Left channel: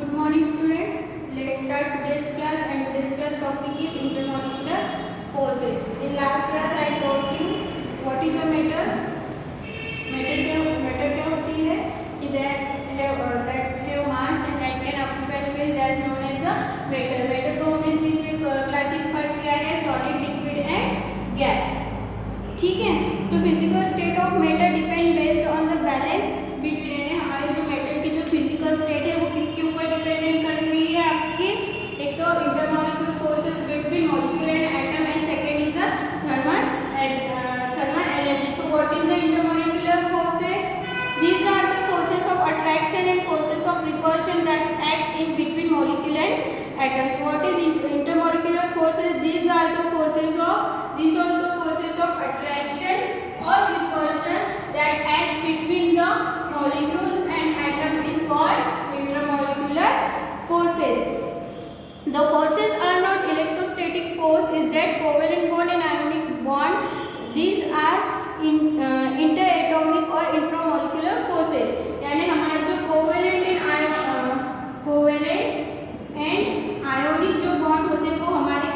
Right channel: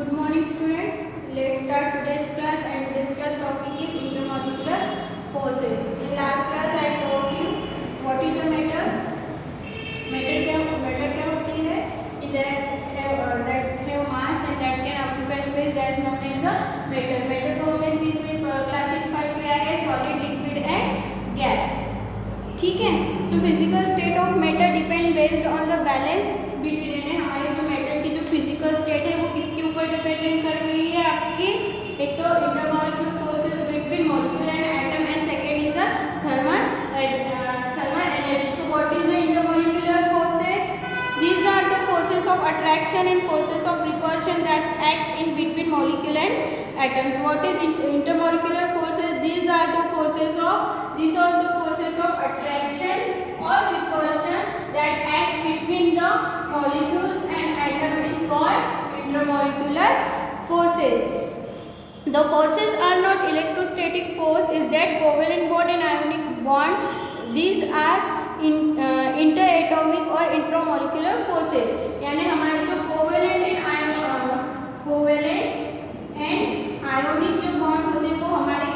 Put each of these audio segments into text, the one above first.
Good morning students. Let's start today's class and today's class topic is intermolecular forces. In last class I taught you what is a matter. Matter क्या होती है कि that have mass and that can occupy space that is known as a matter. Matter को हमने इसमें classify किया है solid, liquid and gas. ठीक है. So physical state of matter depend based on the balance between हमारे जो matter की जो फिजिकल स्टेट है वो किसके ऊपर डिपेंडेंट कर रही है आपकी. एक तो intermolecular forces between molecule and atom and second is a thermal energy. So what is the intermolecular forces? These are the forces of attraction and forces of repulsion that act in between molecule and atoms. What is intermolecular forces? these are the forces of attraction or repulsion that act between the molecules and atom is called intermolecular forces. The forces are not electrostatic force, is that covalent bond and ionic bond. These are interatomic or intramolecular forces. यानी हमारे जो covalent and ionic जो bond होते हैं वो हमारे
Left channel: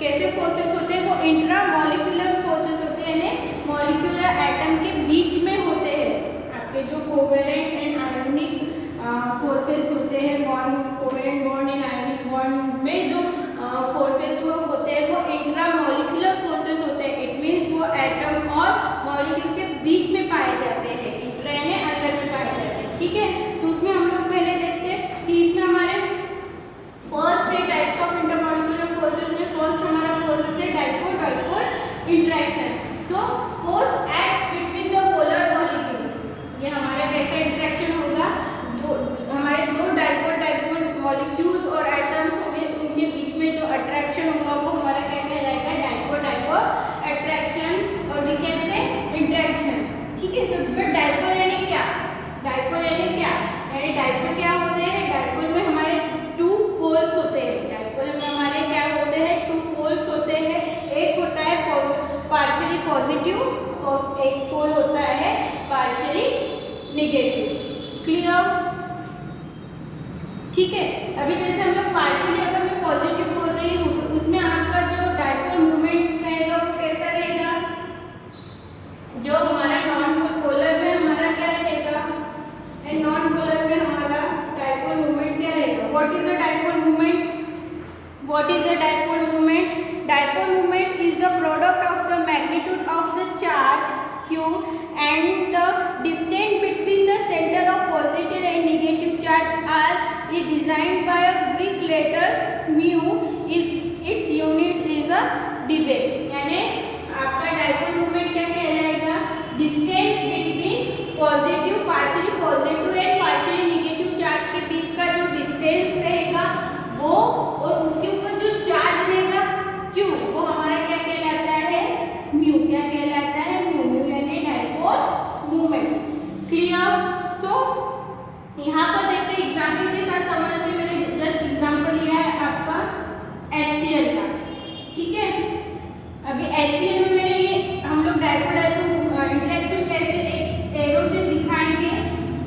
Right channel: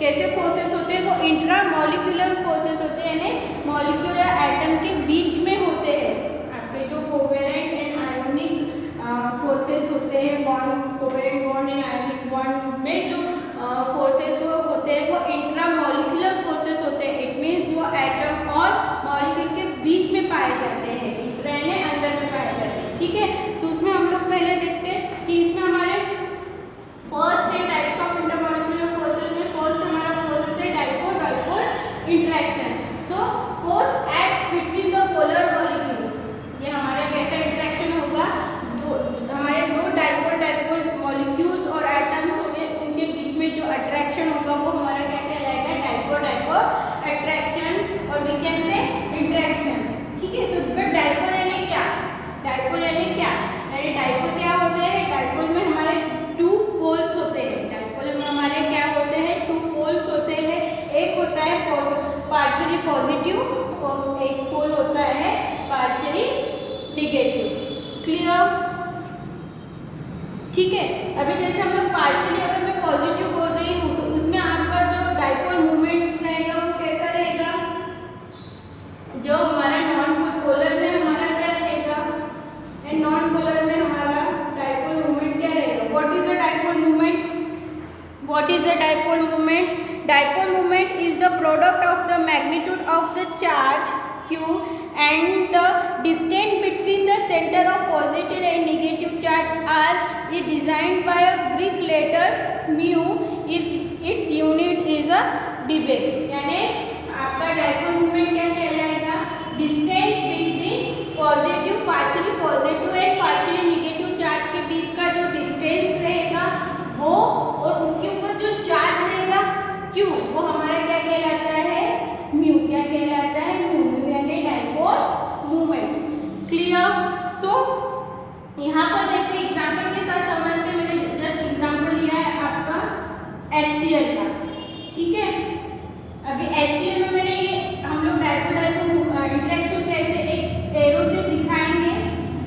कैसे forces होते हैं? वो इंट्रामोलिकुलर फोर्सेस होते हैं, यानी मॉलिक्यूलर एटम के बीच में होते हैं. आपके जो कोवेलेंट एंड आयोनिक फोर्सेस होते हैं, covalent bond and ionic bond में जो फोर्सेस वो होते हैं वो इंट्रामोलिकुलर फोर्सेस होते हैं. इट मीन्स वो एटम और मॉलिक्यूल के बीच में पाए जाते हैं, इंट्रा यानी अंदर में पाए जाते हैं. ठीक है. तो उसमें हम लोग पहले देखते हैं कि इसमें हमारे फर्स्ट है टाइप्स ऑफ इंटरमॉलिक्यूलर फोर्सेस में. फर्स्ट हमारा फोर्सेस है dipole interaction. So force acts between the polar molecules. ये हमारा कैसा इंटरेक्शन होगा? हमारे दो डाइपोल मॉलिक्यूल्स और एटम्स होंगे, उनके बीच में जो अट्रैक्शन होगा वो हमारा क्या कहलाएगा? डाइपोल अट्रैक्शन और वी कैन से इंटरेक्शन. ठीक है. सो बट डाइपोल यानी क्या? डाइपोल यानी डाइपोल क्या होते हैं? डाइपोल में हमारे टू पोल्स होते हैं. डाइपोल में हमारे क्या होते हैं? टू पोल्स होते हैं. एक होता है पार्शियली पॉजिटिव और एक पोल होता है पार्शियली नेगेटिव. क्लियर? ठीक है. अभी जैसे हम लोग पार्शियली अगर मैं पॉजिटिव बोल रही हूँ तो उसमें आपका जो डाइपोल मूवमेंट रहेगा वो कैसा रहेगा? जो हमारा नॉन पोलर में हमारा क्या रहेगा एंड नॉन पोलर में हमारा डाइपोल मूवमेंट क्या रहेगा? What is the dipole movement? What is a dipole moment? Dipole moment is the product of the magnitude of the charge q and the distance between the center of positive and negative charge are designed by a Greek letter mu. Its unit is a debye. यानी आपका dipole moment क्या कहलाएगा? Distance between positive, partially positive and partially negative charge के बीच का जो distance रहेगा वो और उसके ऊपर जो चार्ज रहेगा Q वो हमारा क्या कहलाता है? म्यू. क्या कहलाता है? म्यू यानी डाइपोल मूवमेंट. क्लियर? सो यहाँ पर देखते हैं एग्जांपल के साथ समझते. मैंने जस्ट एग्जांपल लिया है आपका HCl का. ठीक है. अभी HCl में मैंने ये हम लोग डाइपोल इंटरेक्शन कैसे एक एरो से दिखाएंगे.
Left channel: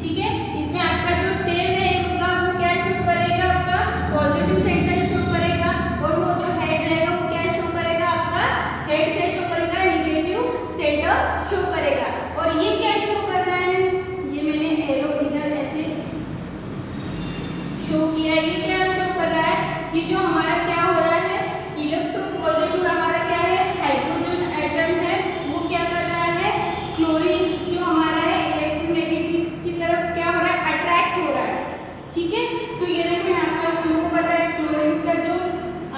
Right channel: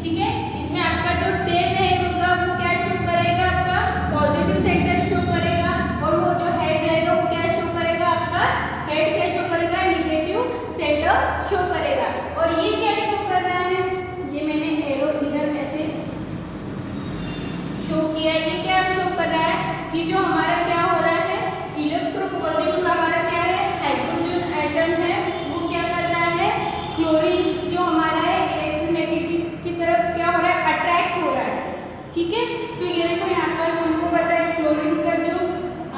ठीक है. इसमें आपका जो टेल रहेगा वो क्या शो करेगा? आपका पॉजिटिव सेंटर शो करेगा और वो जो हेड रहेगा वो क्या शो करेगा? आपका हेड क्या शो करेगा? नेगेटिव सेंटर शो करेगा. और ये क्या शो कर रहा है? ये मैंने एरो इधर ऐसे शो किया. ये क्या शो कर रहा है कि जो हमारा क्या हो रहा है? इलेक्ट्रोपॉजिटिव हमारा क्या है? हाइड्रोजन एटम है वो क्या कर रहा है? क्लोरीन जो हमारा है इलेक्ट्रोनेगेटिव की तरफ क्या हो रहा है? अट्रैक्ट हो रहा है. ठीक है. सो ये देखो यहाँ पर हमको पता है क्लोरीन का जो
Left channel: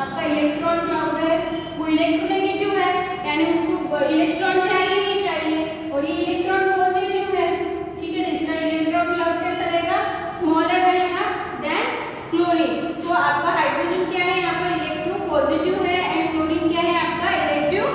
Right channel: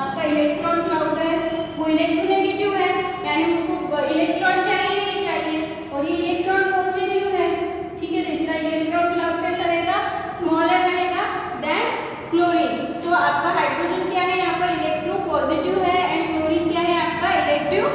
आपका इलेक्ट्रॉन क्लाउड है वो इलेक्ट्रोनेगेटिव है, यानी उसको इलेक्ट्रॉन चाहिए और ये इलेक्ट्रॉन पॉजिटिव है. ठीक है. इसका इलेक्ट्रॉन क्लाउड कैसा रहेगा? स्मॉलर रहेगा देन क्लोरीन. सो आपका हाइड्रोजन क्या है? यहाँ पर इलेक्ट्रो पॉजिटिव है एंड क्लोरीन क्या है? आपका इलेक्ट्रो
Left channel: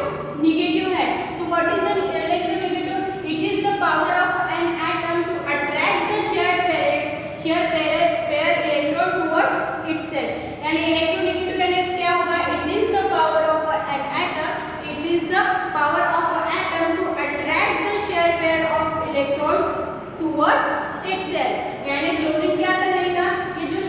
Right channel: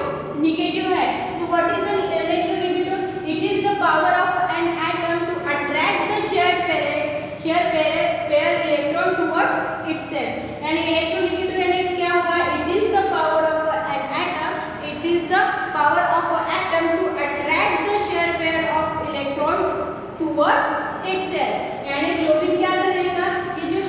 नेगेटिव है. So what is the electronegative? It is the power of an atom to attract the share pair electron towards itself. यानी इलेक्ट्रोनेगेटिव यानी क्या होगा? It is the power of an atom. It is the power of an atom to attract the share pair of electron towards itself. यानी chlorine क्या करेगा? ये जो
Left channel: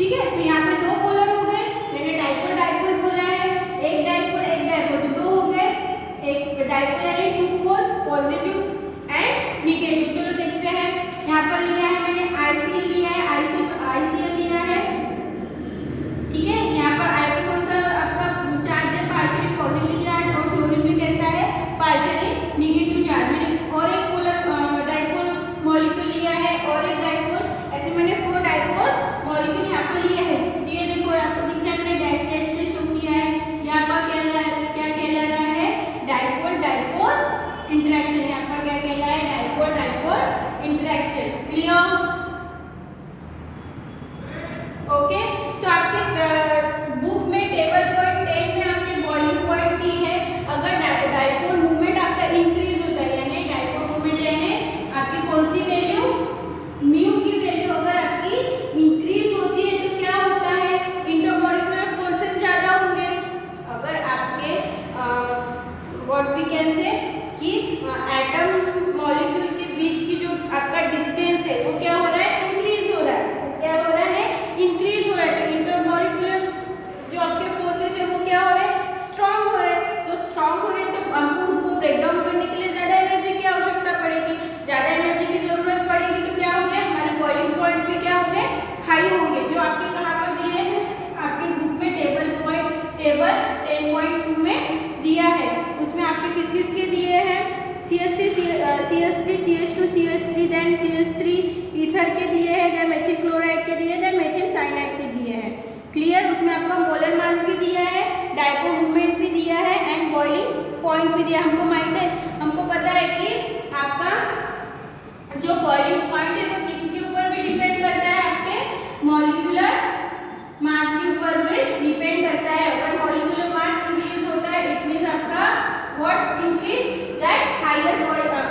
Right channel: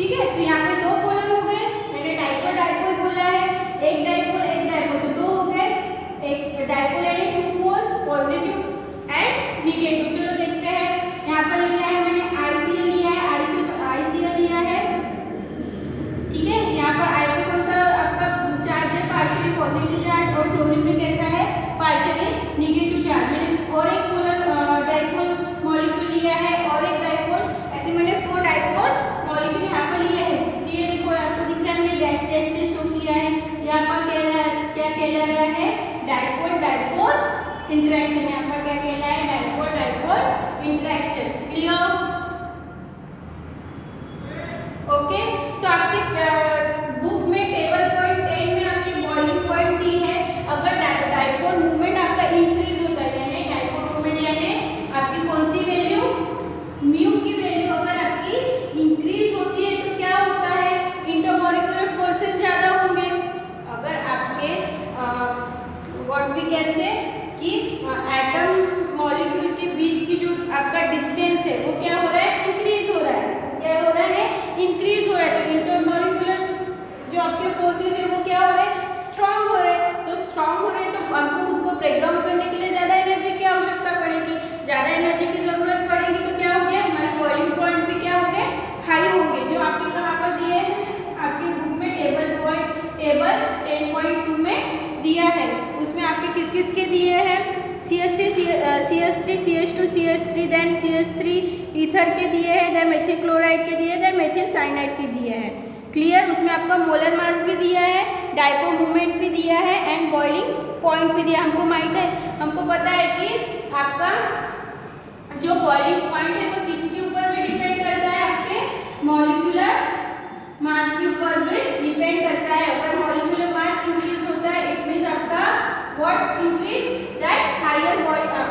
ठीक है, तो यहाँ पे दो पोलर हो गए, मैंने डाइपोल डाइपोल बोला है, एक डाइपोल तो दो हो गए, एक डाइपोल यानी two poles positive and negative. चलो देखते हैं, यहाँ पर लिया है मैंने ICl लिया है, ICl लिया है, ठीक है। यहाँ पर I2 कौन सा आपका चार्ज है, पार्शियली पॉजिटिव चार्ज, और क्लोरीन में कैसा है, पार्शियली निगेटिव चार्ज। मैंने और एक पोलर डाइपोल मॉलिक्यूल लिया है और एक डाइपोल, ऐसे मैंने 4 डाइपोल मॉलिक्यूल यहाँ पर लिया है। तो ये देखो आपको दिख रहा है, मैंने डैश डैश से शो किया है, यहाँ पर क्या कहला रहा है, डाइपोल डाइपोल इंटरेक्शन। यहाँ पर क्या कहला है, dipole dipole interaction. Clear? Okay, so आपके बुक में टेबल पॉइंट 10 में आपकी बॉइलिंग पॉइंट दी है। अगर डाइपोल मूवमेंट आपका इंक्रीज होता है, यानी डाइपोल मूवमेंट यानी आपकी कौन सी वैल्यू, म्यू की वैल्यू अगर आपकी इंक्रीज होती है तो क्या होता है, इंटरमॉलिक्यूलर फोर्सेस ज़्यादा होंगे। अगर आपके व्हाट वी कैन से कि एटम मॉलिक्यूल के बीच की जो आपका डिस्टेंस है वो क्या हो रहा है, इंक्रीज हो रहा है। क्या हो रहा है, इंक्रीज हो रहा है। तो इंटरमॉलिक्यूलर जो आपके फोर्सेस है वो क्या हो रहे हैं, स्ट्रांग हो रहे हैं। तो स्ट्रांग हो रहे हैं तो हमको उसको ब्रेक डाउन करने के लिए ज़्यादा एनर्जी की आवश्यकता पड़ेगी, ज़्यादा एनर्जी की जरूरत पड़ेगी। तो क्या हो गया, हमारे बॉइलिंग पॉइंट भी क्या होंगे, हाई होंगे। जो आपके कहाँ पर दिए हैं, आपके बुक में टेबल 10.2 में दिया है, उसमें आपके किस किस के दिए हैं, CH3 CH2 CH3 then CH3 ether के दिए हैं, देन मेथिल क्लोराइड के दिए, देन मेथिल साइनाइड के दिए हैं। क्लियर? उसमें आपका मोलर मास भी दिया है, डाइपोल मूवमेंट भी दिया है एंड बॉइलिंग पॉइंट भी दिया। हमको माहित है, हमको पता है कि आपका जो बॉइलिंग पॉइंट है वो किसके ऊपर में डिपेंड करता है, आपके मॉलिक्यूलर मास के ऊपर में डिपेंड करता है। अगर मॉलिक्यूलर मास इंक्रीज होता है इट मींस आपका व्हाट इंक्रीज, दैट हायर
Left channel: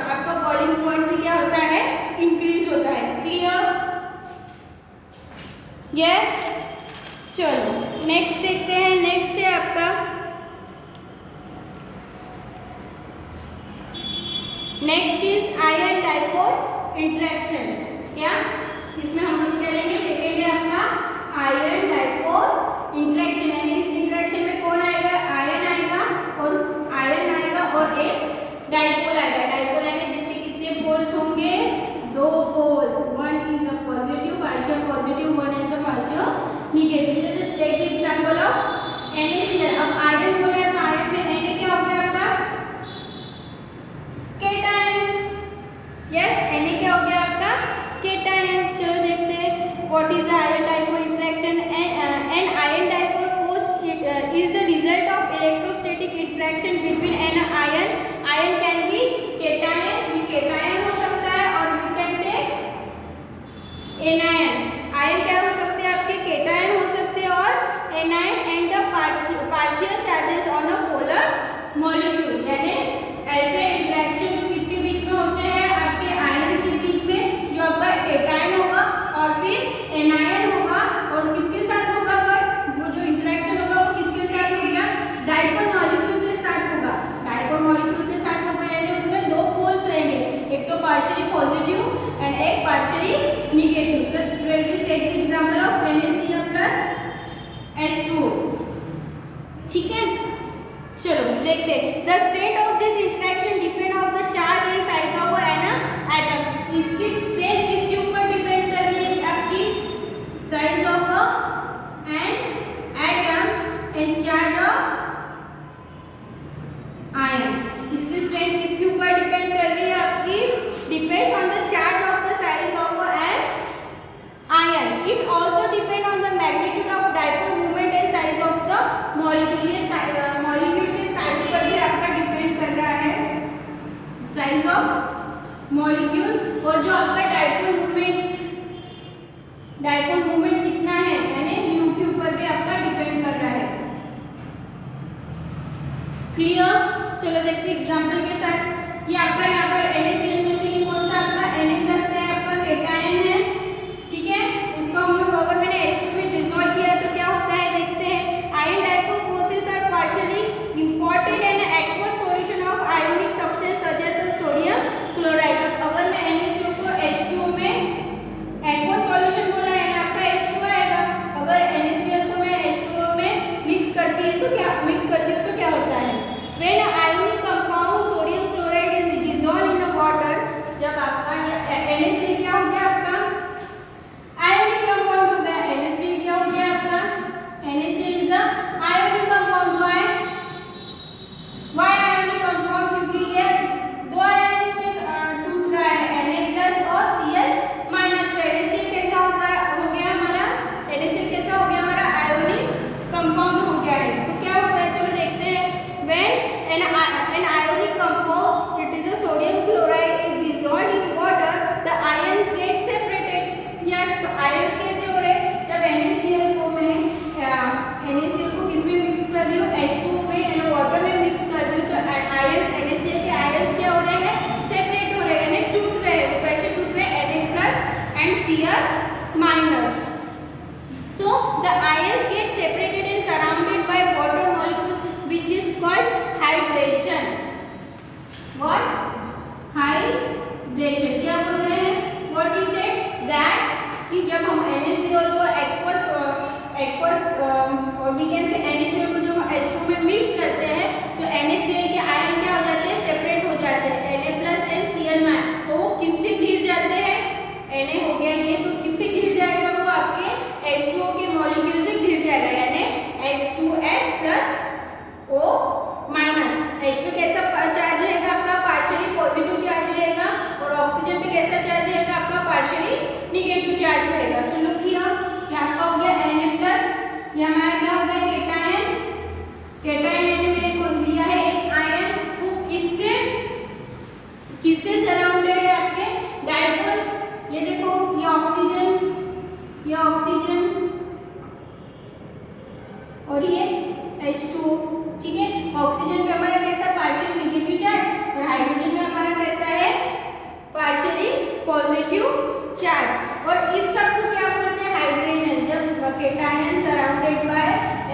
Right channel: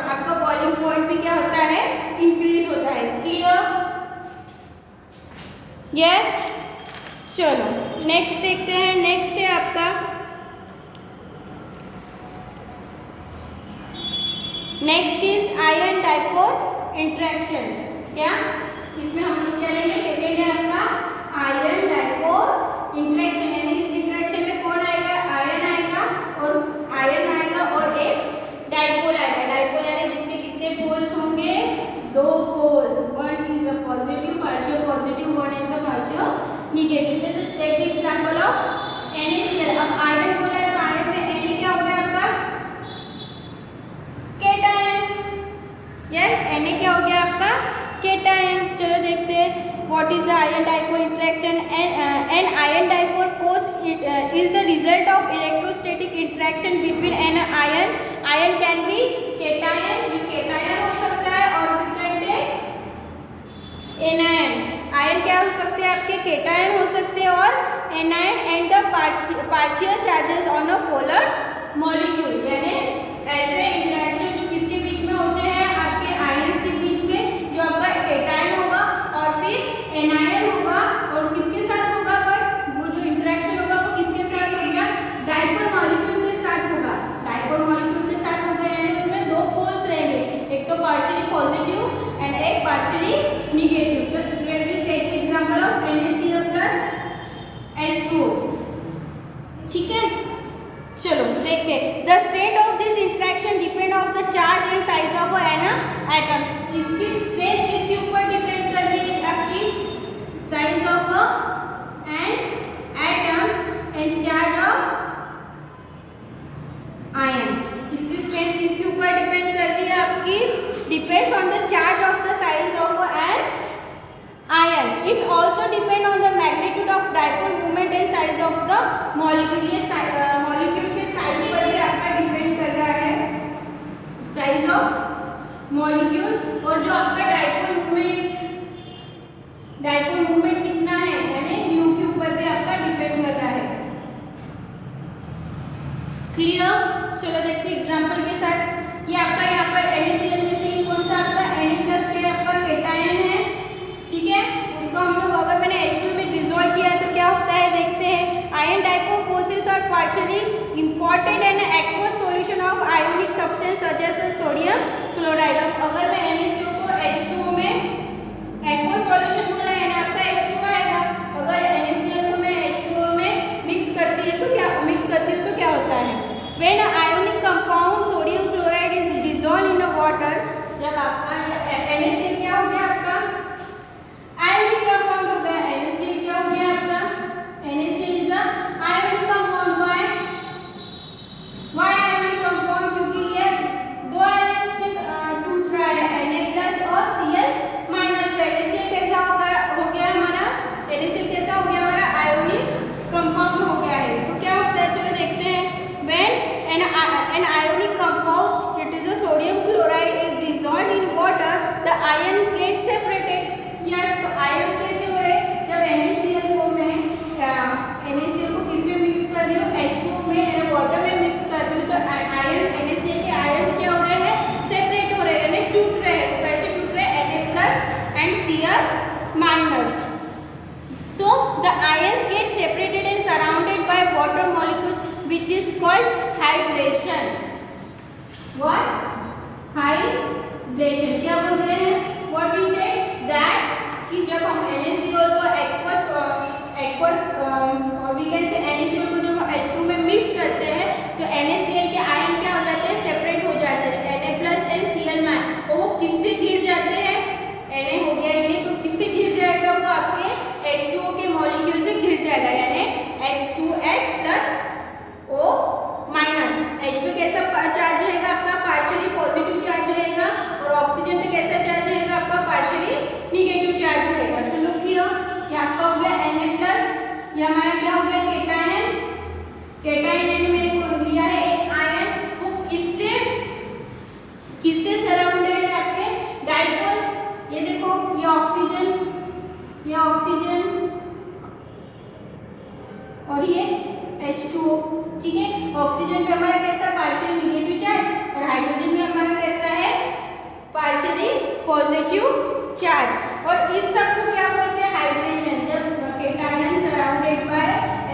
आपका बॉइलिंग पॉइंट भी क्या होता है, इंक्रीज होता है। क्लियर? यस। चलो नेक्स्ट देखते हैं। नेक्स्ट है आपका next is ion dipole interaction. क्या इसमें हम लोग क्या लेंगे, सेकेंड है आपका आयन डाइपोल इंटरेक्शन। यानी इस इंटरेक्शन में कौन आएगा, आयन आएगा और एक डाइपोल आएगा। डाइपोल यानी जिसके कितने पोल्स होंगे, 2 poles, one is a positive partial positive, one is a partial negative. Take the example of NaCl। अब आयन बोला है तो आयन में Na क्या हो गया आपका, केटायन। यस, Na क्या हो गया आपका, केटायन। चलो देखते हैं what is ion dipole interaction. An ion dipole force is the result of electrostatic interaction between an ion. Ion can be cation, ये cation हो सकता है, और we can take anion। Ion क्या हो सकते हैं आपके, केटायन हो सकते हैं और anion and the partial charges on a polar molecule. यानी ऐसे इंटरेक्शन जो किसके बीच में होते हैं, आपके आयंस के बीच में, जो आपका केटायन होगा और फिर एनायन होगा, और किसके साथ होगा, पर वो जो इंटरेक्शन होगा वो किसके साथ होगा, डाइपोल मॉलिक्यूल के साथ होगा। डाइपोल मॉलिक्यूल के साथ होगा यानी उसमें 2 पोल्स रहेंगे, एक तो पार्शियली पॉजिटिव एंड एक partially negative. Just take the example of NaCl plus H2O। ठीक है, चलो देखते हैं। The state of this interaction depend on the charge and size of an atom. इसकी स्टेट किसके ऊपर डिपेंड कर रही है, आपकी size of an atom and charge of ion. इसकी स्ट्रेंथ किसके ऊपर डिपेंड कर रही है आपकी, depends on the charge of the size of an ion. It also depend on the magnitude of dipole movement and size of the molecule. ये molecule के size पर भी आपका डिपेंड कर रहा है, साइज ऑफ मॉलिक्यूल, और जो आपका डाइपोल मूवमेंट कितना है, यानी म्यू के ऊपर भी आपका डिपेंड कर रहा है। क्लियर? चलो देखते हैं एग्जांपल के साथ। ये आपका यहाँ पर NaCl में से ये कौन सा आपका Na+ का है, आपका केटायन है। ठीक है, उसको हम लोग अगर मैंने H2 में डिसॉल्व किया तो क्या होता है, देखते हैं। Ion dipole forces are partially imported in aqueous solution of ionic substance such as sodium chloride. अगर मैं NaCl को H2 में एक्वस सॉल्यूशन बोला है ना, आपका H2 आएगा। आयंस कैसे हो रहे हैं, जब NaCl को मैं NaCl को किस में मिक्स कर रही हूँ, H2O में वाटर में मिक्स कर रही हूँ, तो आयंस NaCl के आयंस क्या हो गए हैं, सेपरेट हो रहे हैं, यानी टूट रहे हैं। कैसे टूट रहे हैं, Na+ and Cl-। So the ions get separated and surrounded by water molecules, which is called hydration. What? Hydration. क्या बोल रहे हैं? What is it? That कि जब हम NaCl को aqueous we can say NaCl को जब H2 में मिक्स करते हैं तो NaCl के आयन क्या हो जाते हैं, सेपरेट हो जाते हैं, Na+ एंड Cl-। तो वो किससे घिर जाते हैं, Na हो गया ये, तो किससे घिर जाएगा, वो आपके H2O के मॉलिक्यूल से घिर जाएगा, यानी H2H+O-। H पे कैसा चार्ज रहेगा आपका, पार्शियली पॉजिटिव चार्ज रहेगा, और ऑक्सीजन पे कैसा चार्ज रहेगा आपका, पार्शियली निगेटिव चार्ज रहेगा। सो लुक हियर, ये आपका हो गया Na+, ये हमारा क्या हो गया, केटायन। केटायन ने लिया है एक आयन, वो किससे सराउंडेड है, आपके डाइपोल। ये देखो, ये ऑक्सीजन और ये H2O, ठीक है। ऑक्सीजन पे हमारा कैसा, पार्शियल निगेटिव चार्ज, और हाइड्रोजन में हमारा कैसा है, पार्शियली पॉजिटिव चार्ज। और इस सब को क्या बोलते हैं, हाइड्रेशन। जब cation surrounded by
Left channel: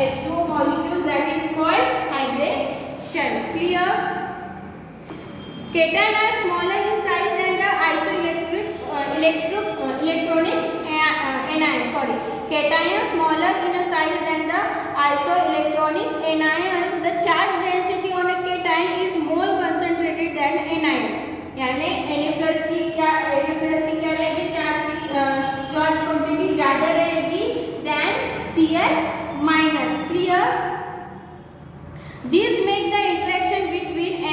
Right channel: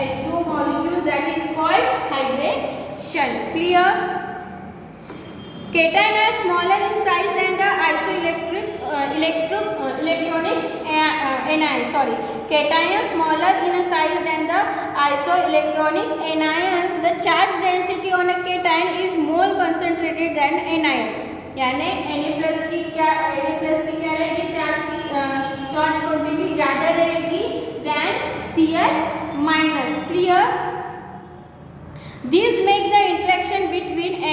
H2O molecules, that is called hydration. Clear? Cation are smaller in size than the electronic anions. Sorry, cations smaller in a size than the isoelectronic anions. The charge density on a cation is more concentrated than anion. यानी Na+ की क्या रहेगी, charge quantity ज़्यादा रहेगी than Cl-। Clear? These make the interaction between Na+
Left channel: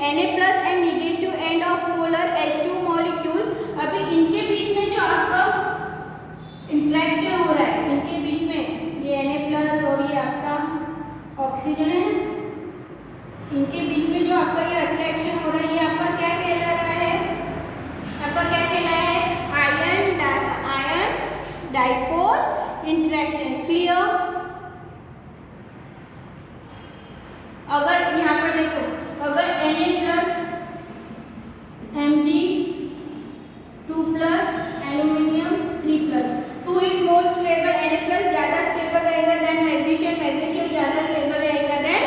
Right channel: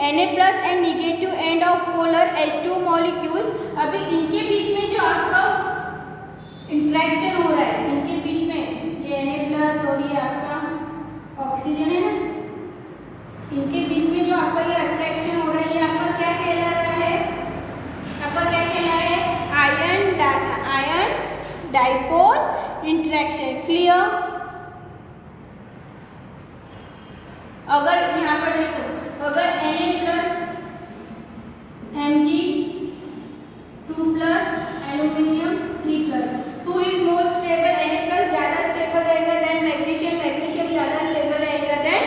and negative end of polar H2 molecules। अभी इनके बीच में जो आपका इंटरेक्शन हो रहा है, इनके बीच में ये Na+ और ये आपका ऑक्सीजन है ना, इनके बीच में जो आपका ये अट्रैक्शन हो रहा है, ये आपका क्या कहला रहा है, आपका क्या कहला है, आयन डाइपोल इंटरेक्शन। क्लियर? अगर यहाँ पर देखो, अगर Na+ Mg2+ aluminium 3+, 2 is more stable, Na+ ज़्यादा स्टेबल रहेगा देन मैग्नीशियम ज़्यादा स्टेबल रहेगा देन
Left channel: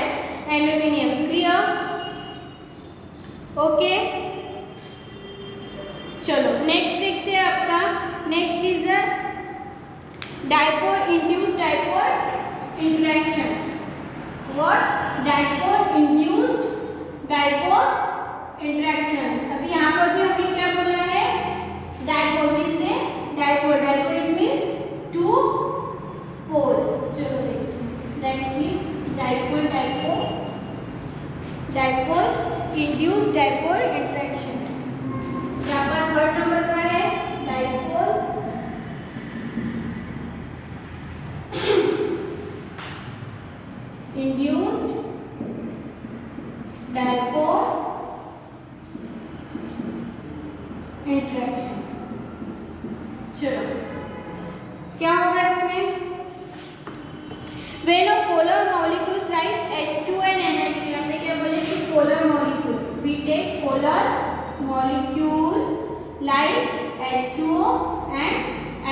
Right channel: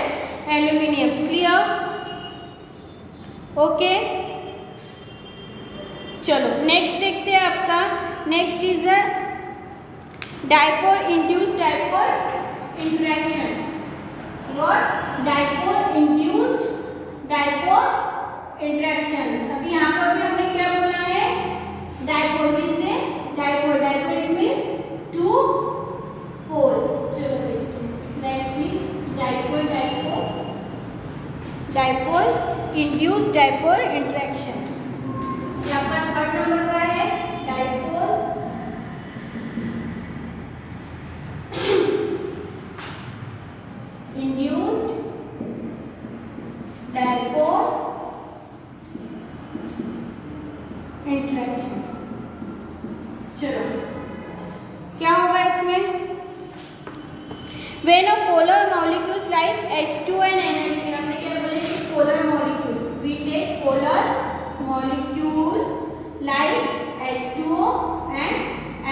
एल्यूमिनियम। क्लियर? ओके, चलो नेक्स्ट देखते हैं आपका। Next is dipole induced dipole interaction. What? Dipole induced dipole interaction. अभी यहाँ पर भी हमने क्या बोला है, डाइपोल। किससे? Dipole. Dipole it means two poles. चलो देखते हैं, let's see dipole induced dipole interaction. यहाँ पर थर्ड नंबर का है डाइपोल इंड्यूस्ड डाइपोल इंटरेक्शन। चलो क्या होगा इसमें, when a polar molecules like H2 and NH3, हमने क्या बोले कि polar molecule, we take polar molecule like H2O and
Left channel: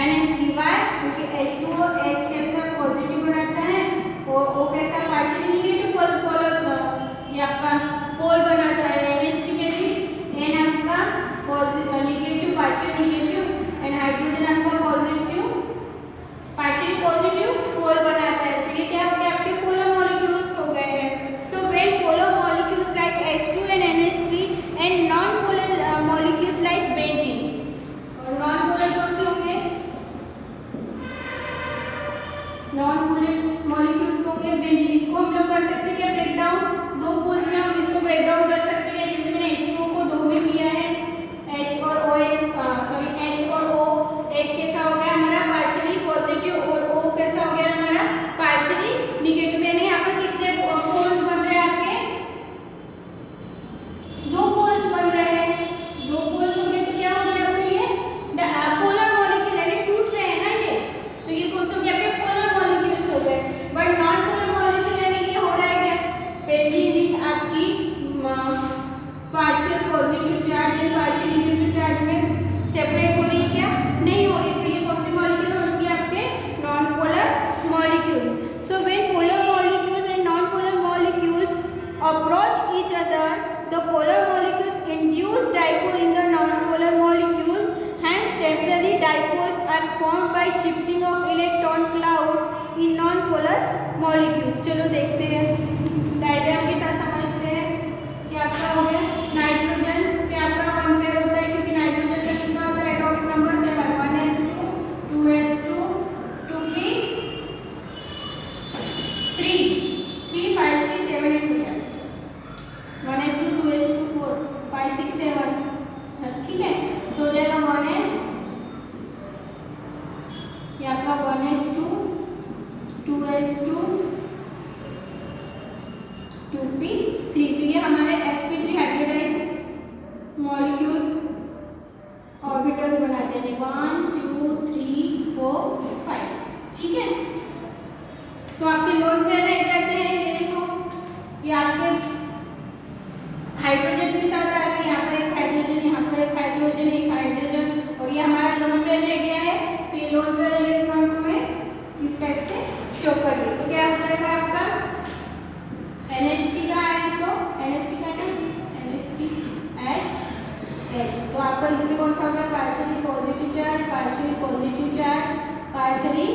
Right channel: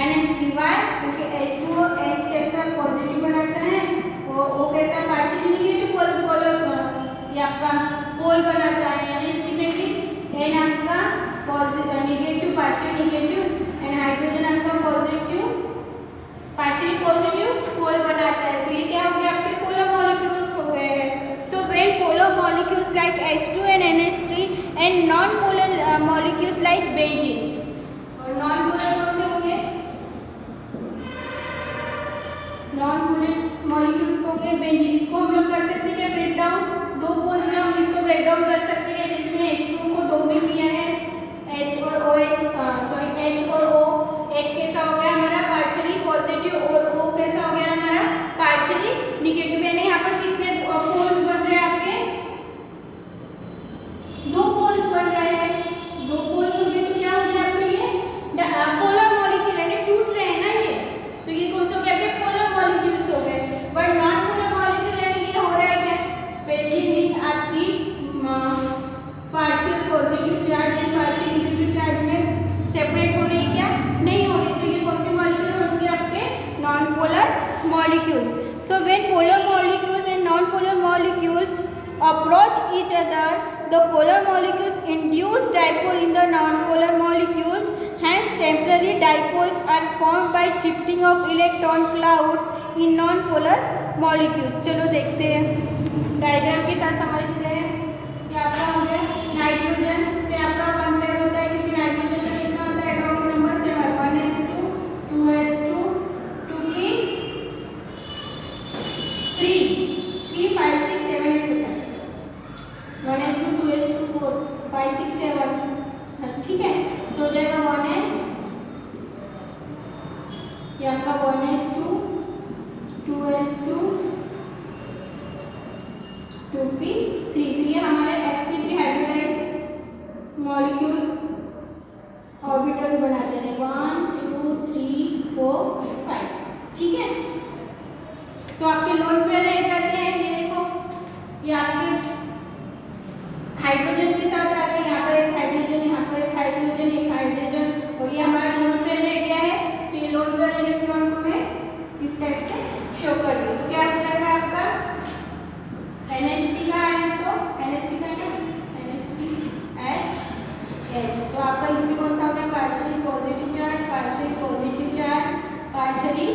NH3। why? क्योंकि H2O H कैसा पॉजिटिव बनाता है, और O कैसा पार्शियली निगेटिव पोलर ये आपका पोल बनाता है, NH3 में भी N आपका negative partial negative and hydrogen आपका पॉजिटिव पार्शियल पॉजिटिव पोल बनाता है। तो ये क्या हो गया, आपके पोलर मॉलिक्यूल्स हो गए हैं। So when polar molecules like H2 and NH3 and non polar molecules like benzene, और नॉन पोलर कौन से होंगे, नॉन पोलर मॉलिक्यूल्स को होंगे बेंजीन। इसको हम लोग कर सकते हैं क्या, ब्रेक डाउन, दो पोल्स में हम इसको ब्रेक डाउन कर सकते हैं, जिसमें H2O को दो में किया है, H और O, H और O। H कैसा हो गया हमारा पार्शियली पॉजिटिव, और O कैसा हो गया हमारा पार्शियली निगेटिव। यानी यहाँ पर कितने पोल्स बन रहे हैं आपके, दो पोल्स बन रहे हैं। दो पोल्स होंगे तो क्या हो गया आपके लिए पोलर मॉलिक्यूल, यानी to molecules. So when polar molecules and non-polar molecules approach each other, the polar molecules induce dipole in the non-polar molecules. Hence temporary dipoles are formed by shifting of electron clouds in non-polar molecules. चलो देखते हैं, diagram के साथ समझते हैं। ये आपका हो गया नाइट्रोजन, ये आपका 1 पेयर होता है, किसी नाइट्रोजन का कितना होता है atomic number 7, 1s2 2s2 2p 3 3 5 6 7 8 हो गया, 1s2 2s2 4 5 6 7, ठीक है। सो हो जाएगा 1s, ये आपका 1s2 2s2 2p3, तो ये हमारे sp3 हाइब्रिडाइज मॉलिक्यूल ऑर्बिटल्स बनाते हैं 1 2 3 4 5, ठीक है। सो आपके लोन पेयर रह जाते हैं, ये देखो ये आपके हाइड्रोजन के साथ आ गए, यहाँ पर एक हाइड्रोजन, यहाँ पर एक हाइड्रोजन, एक हाइड्रोजन, और ये हमारा लोन पेयर रह गया है। सो ये लोन पेयर इलेक्ट्रॉन को मैं इस टाइप से शो कर दूँ, तो क्या हो जाएगा आपका NH3 का है, तो NH3 का है NH3H, तो आपका इसमें कौन सा हो गया partially positive charge, partially positive charge, partially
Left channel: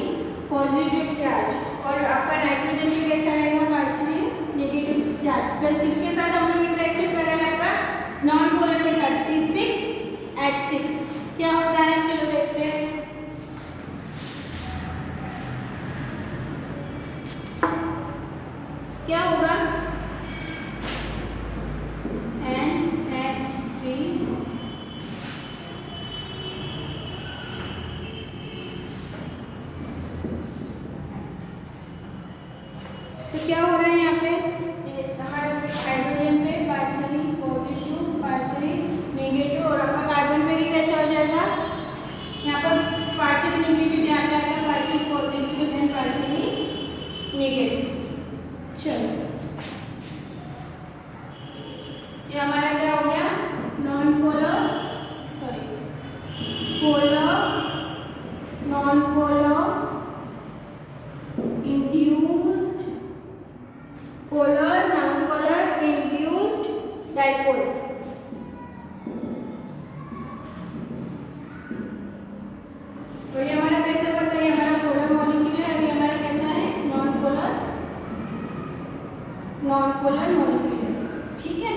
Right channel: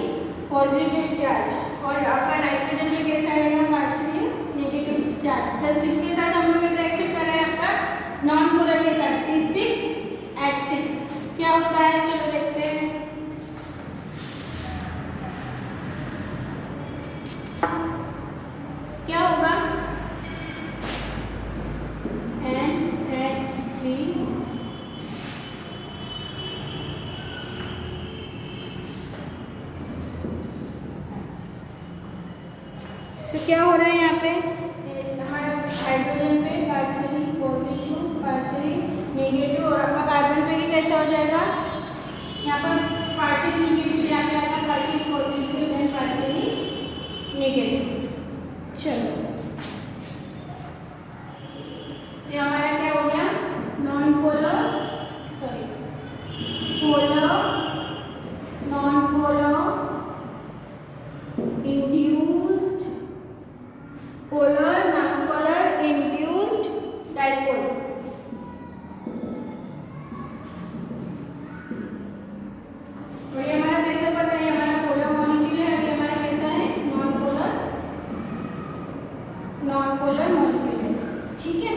positive charge, और आपका नाइट्रोजन में कैसा रहेगा पार्शियली नेगेटिव चार्ज, प्लस किसके साथ हम लोग इंटरेक्शन कर रहे हैं आपका नॉन पोलर के साथ C6H6, क्या होता है चलो देखते हैं। क्या होगा NH3 से क्या हो रहा है यहाँ पे हमारे हाइड्रोजन पे पार्शियली पॉजिटिव पार्शियली नेगेटिव, और आपका कार्बन पे कैसे हो जाएगा यहाँ पर पार्शियली नेगेटिव, यहाँ पे आएगा partially positive then partially negative. चलो ये हमारा क्या हो गया non polar sorry polar non polar induced polar non polar induced dipole. और ये हमारा कैसे पता है हमारा पोलर मॉलिक्यूल है, ये हमारा कैसा है नॉन पोलर मॉलिक्यूल, ठीक है।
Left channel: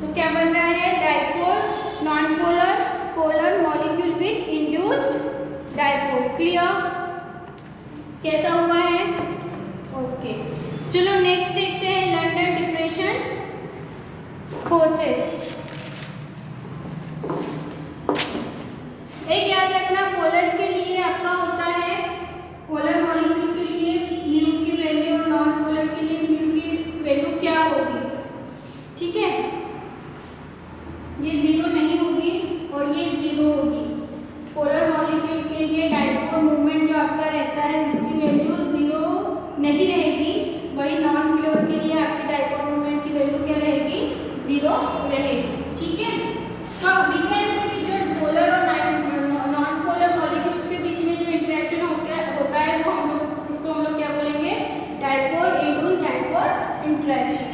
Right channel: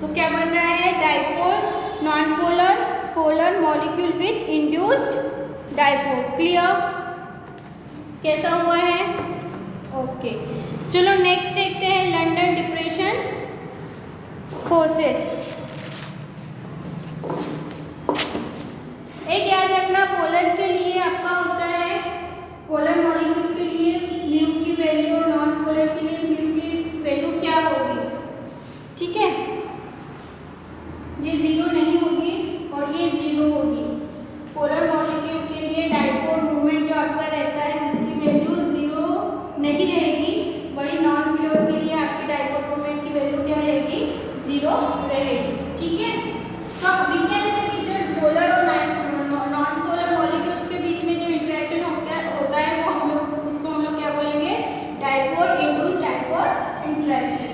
तो क्या बन रहा है dipole non polar polar molecule with induced dipole, clear कैसा हुआ है, ओके। चलो नेक्स्ट देखते हैं लंडन डिप्रेशन फोर्सेस। एक याद रखना पोलर के लिए आपका होता है पोलर मॉलिक्यूल के लिए म्यू की वैल्यू, नॉन पोलर के लिए म्यू की वैल्यू क्या होगी, ठीक है। ये 0 नहीं होगी और ये 0 होगी। पोलर मॉलिक्यूल के लिए डाइपोल मूवमेंट जो आपका रहता है उसकी वैल्यू 0 नहीं रहेगी, वही नॉन पोलर के लिए आपकी डाइपोल मूवमेंट की वैल्यू क्या रहेगी 0 रहेगी, ठीक है। तो वी कैन से कि जो पोलर और नॉन पोलर मॉलिक्यूल्स के बीच में जो इंटरेक्शन होता है वो हम लोग इसको हम लोग क्या बोलेंगे डाइपोल इंड्यूस्ड डाइपोल इंटरेक्शन।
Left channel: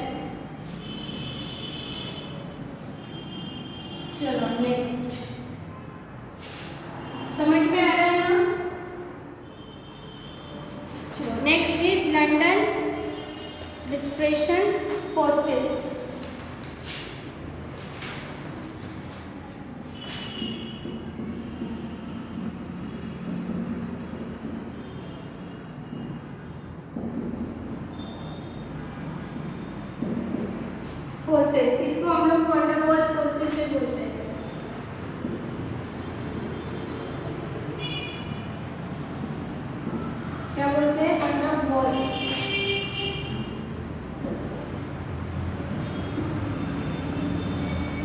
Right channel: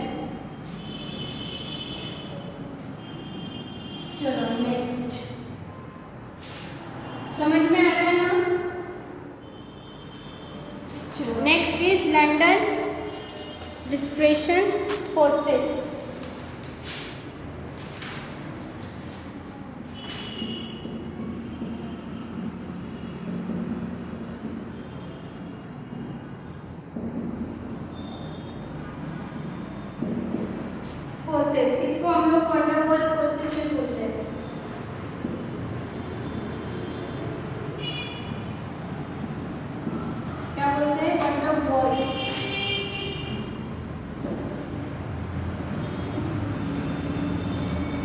चलो नेक्स्ट समझ में आ रहा है ना। चलो next is London dispersion forces. Forces इसको हम लोग वंडर वॉल्स फोर्सेस से बोलते हैं। क्या बोलते हैं wonder walls.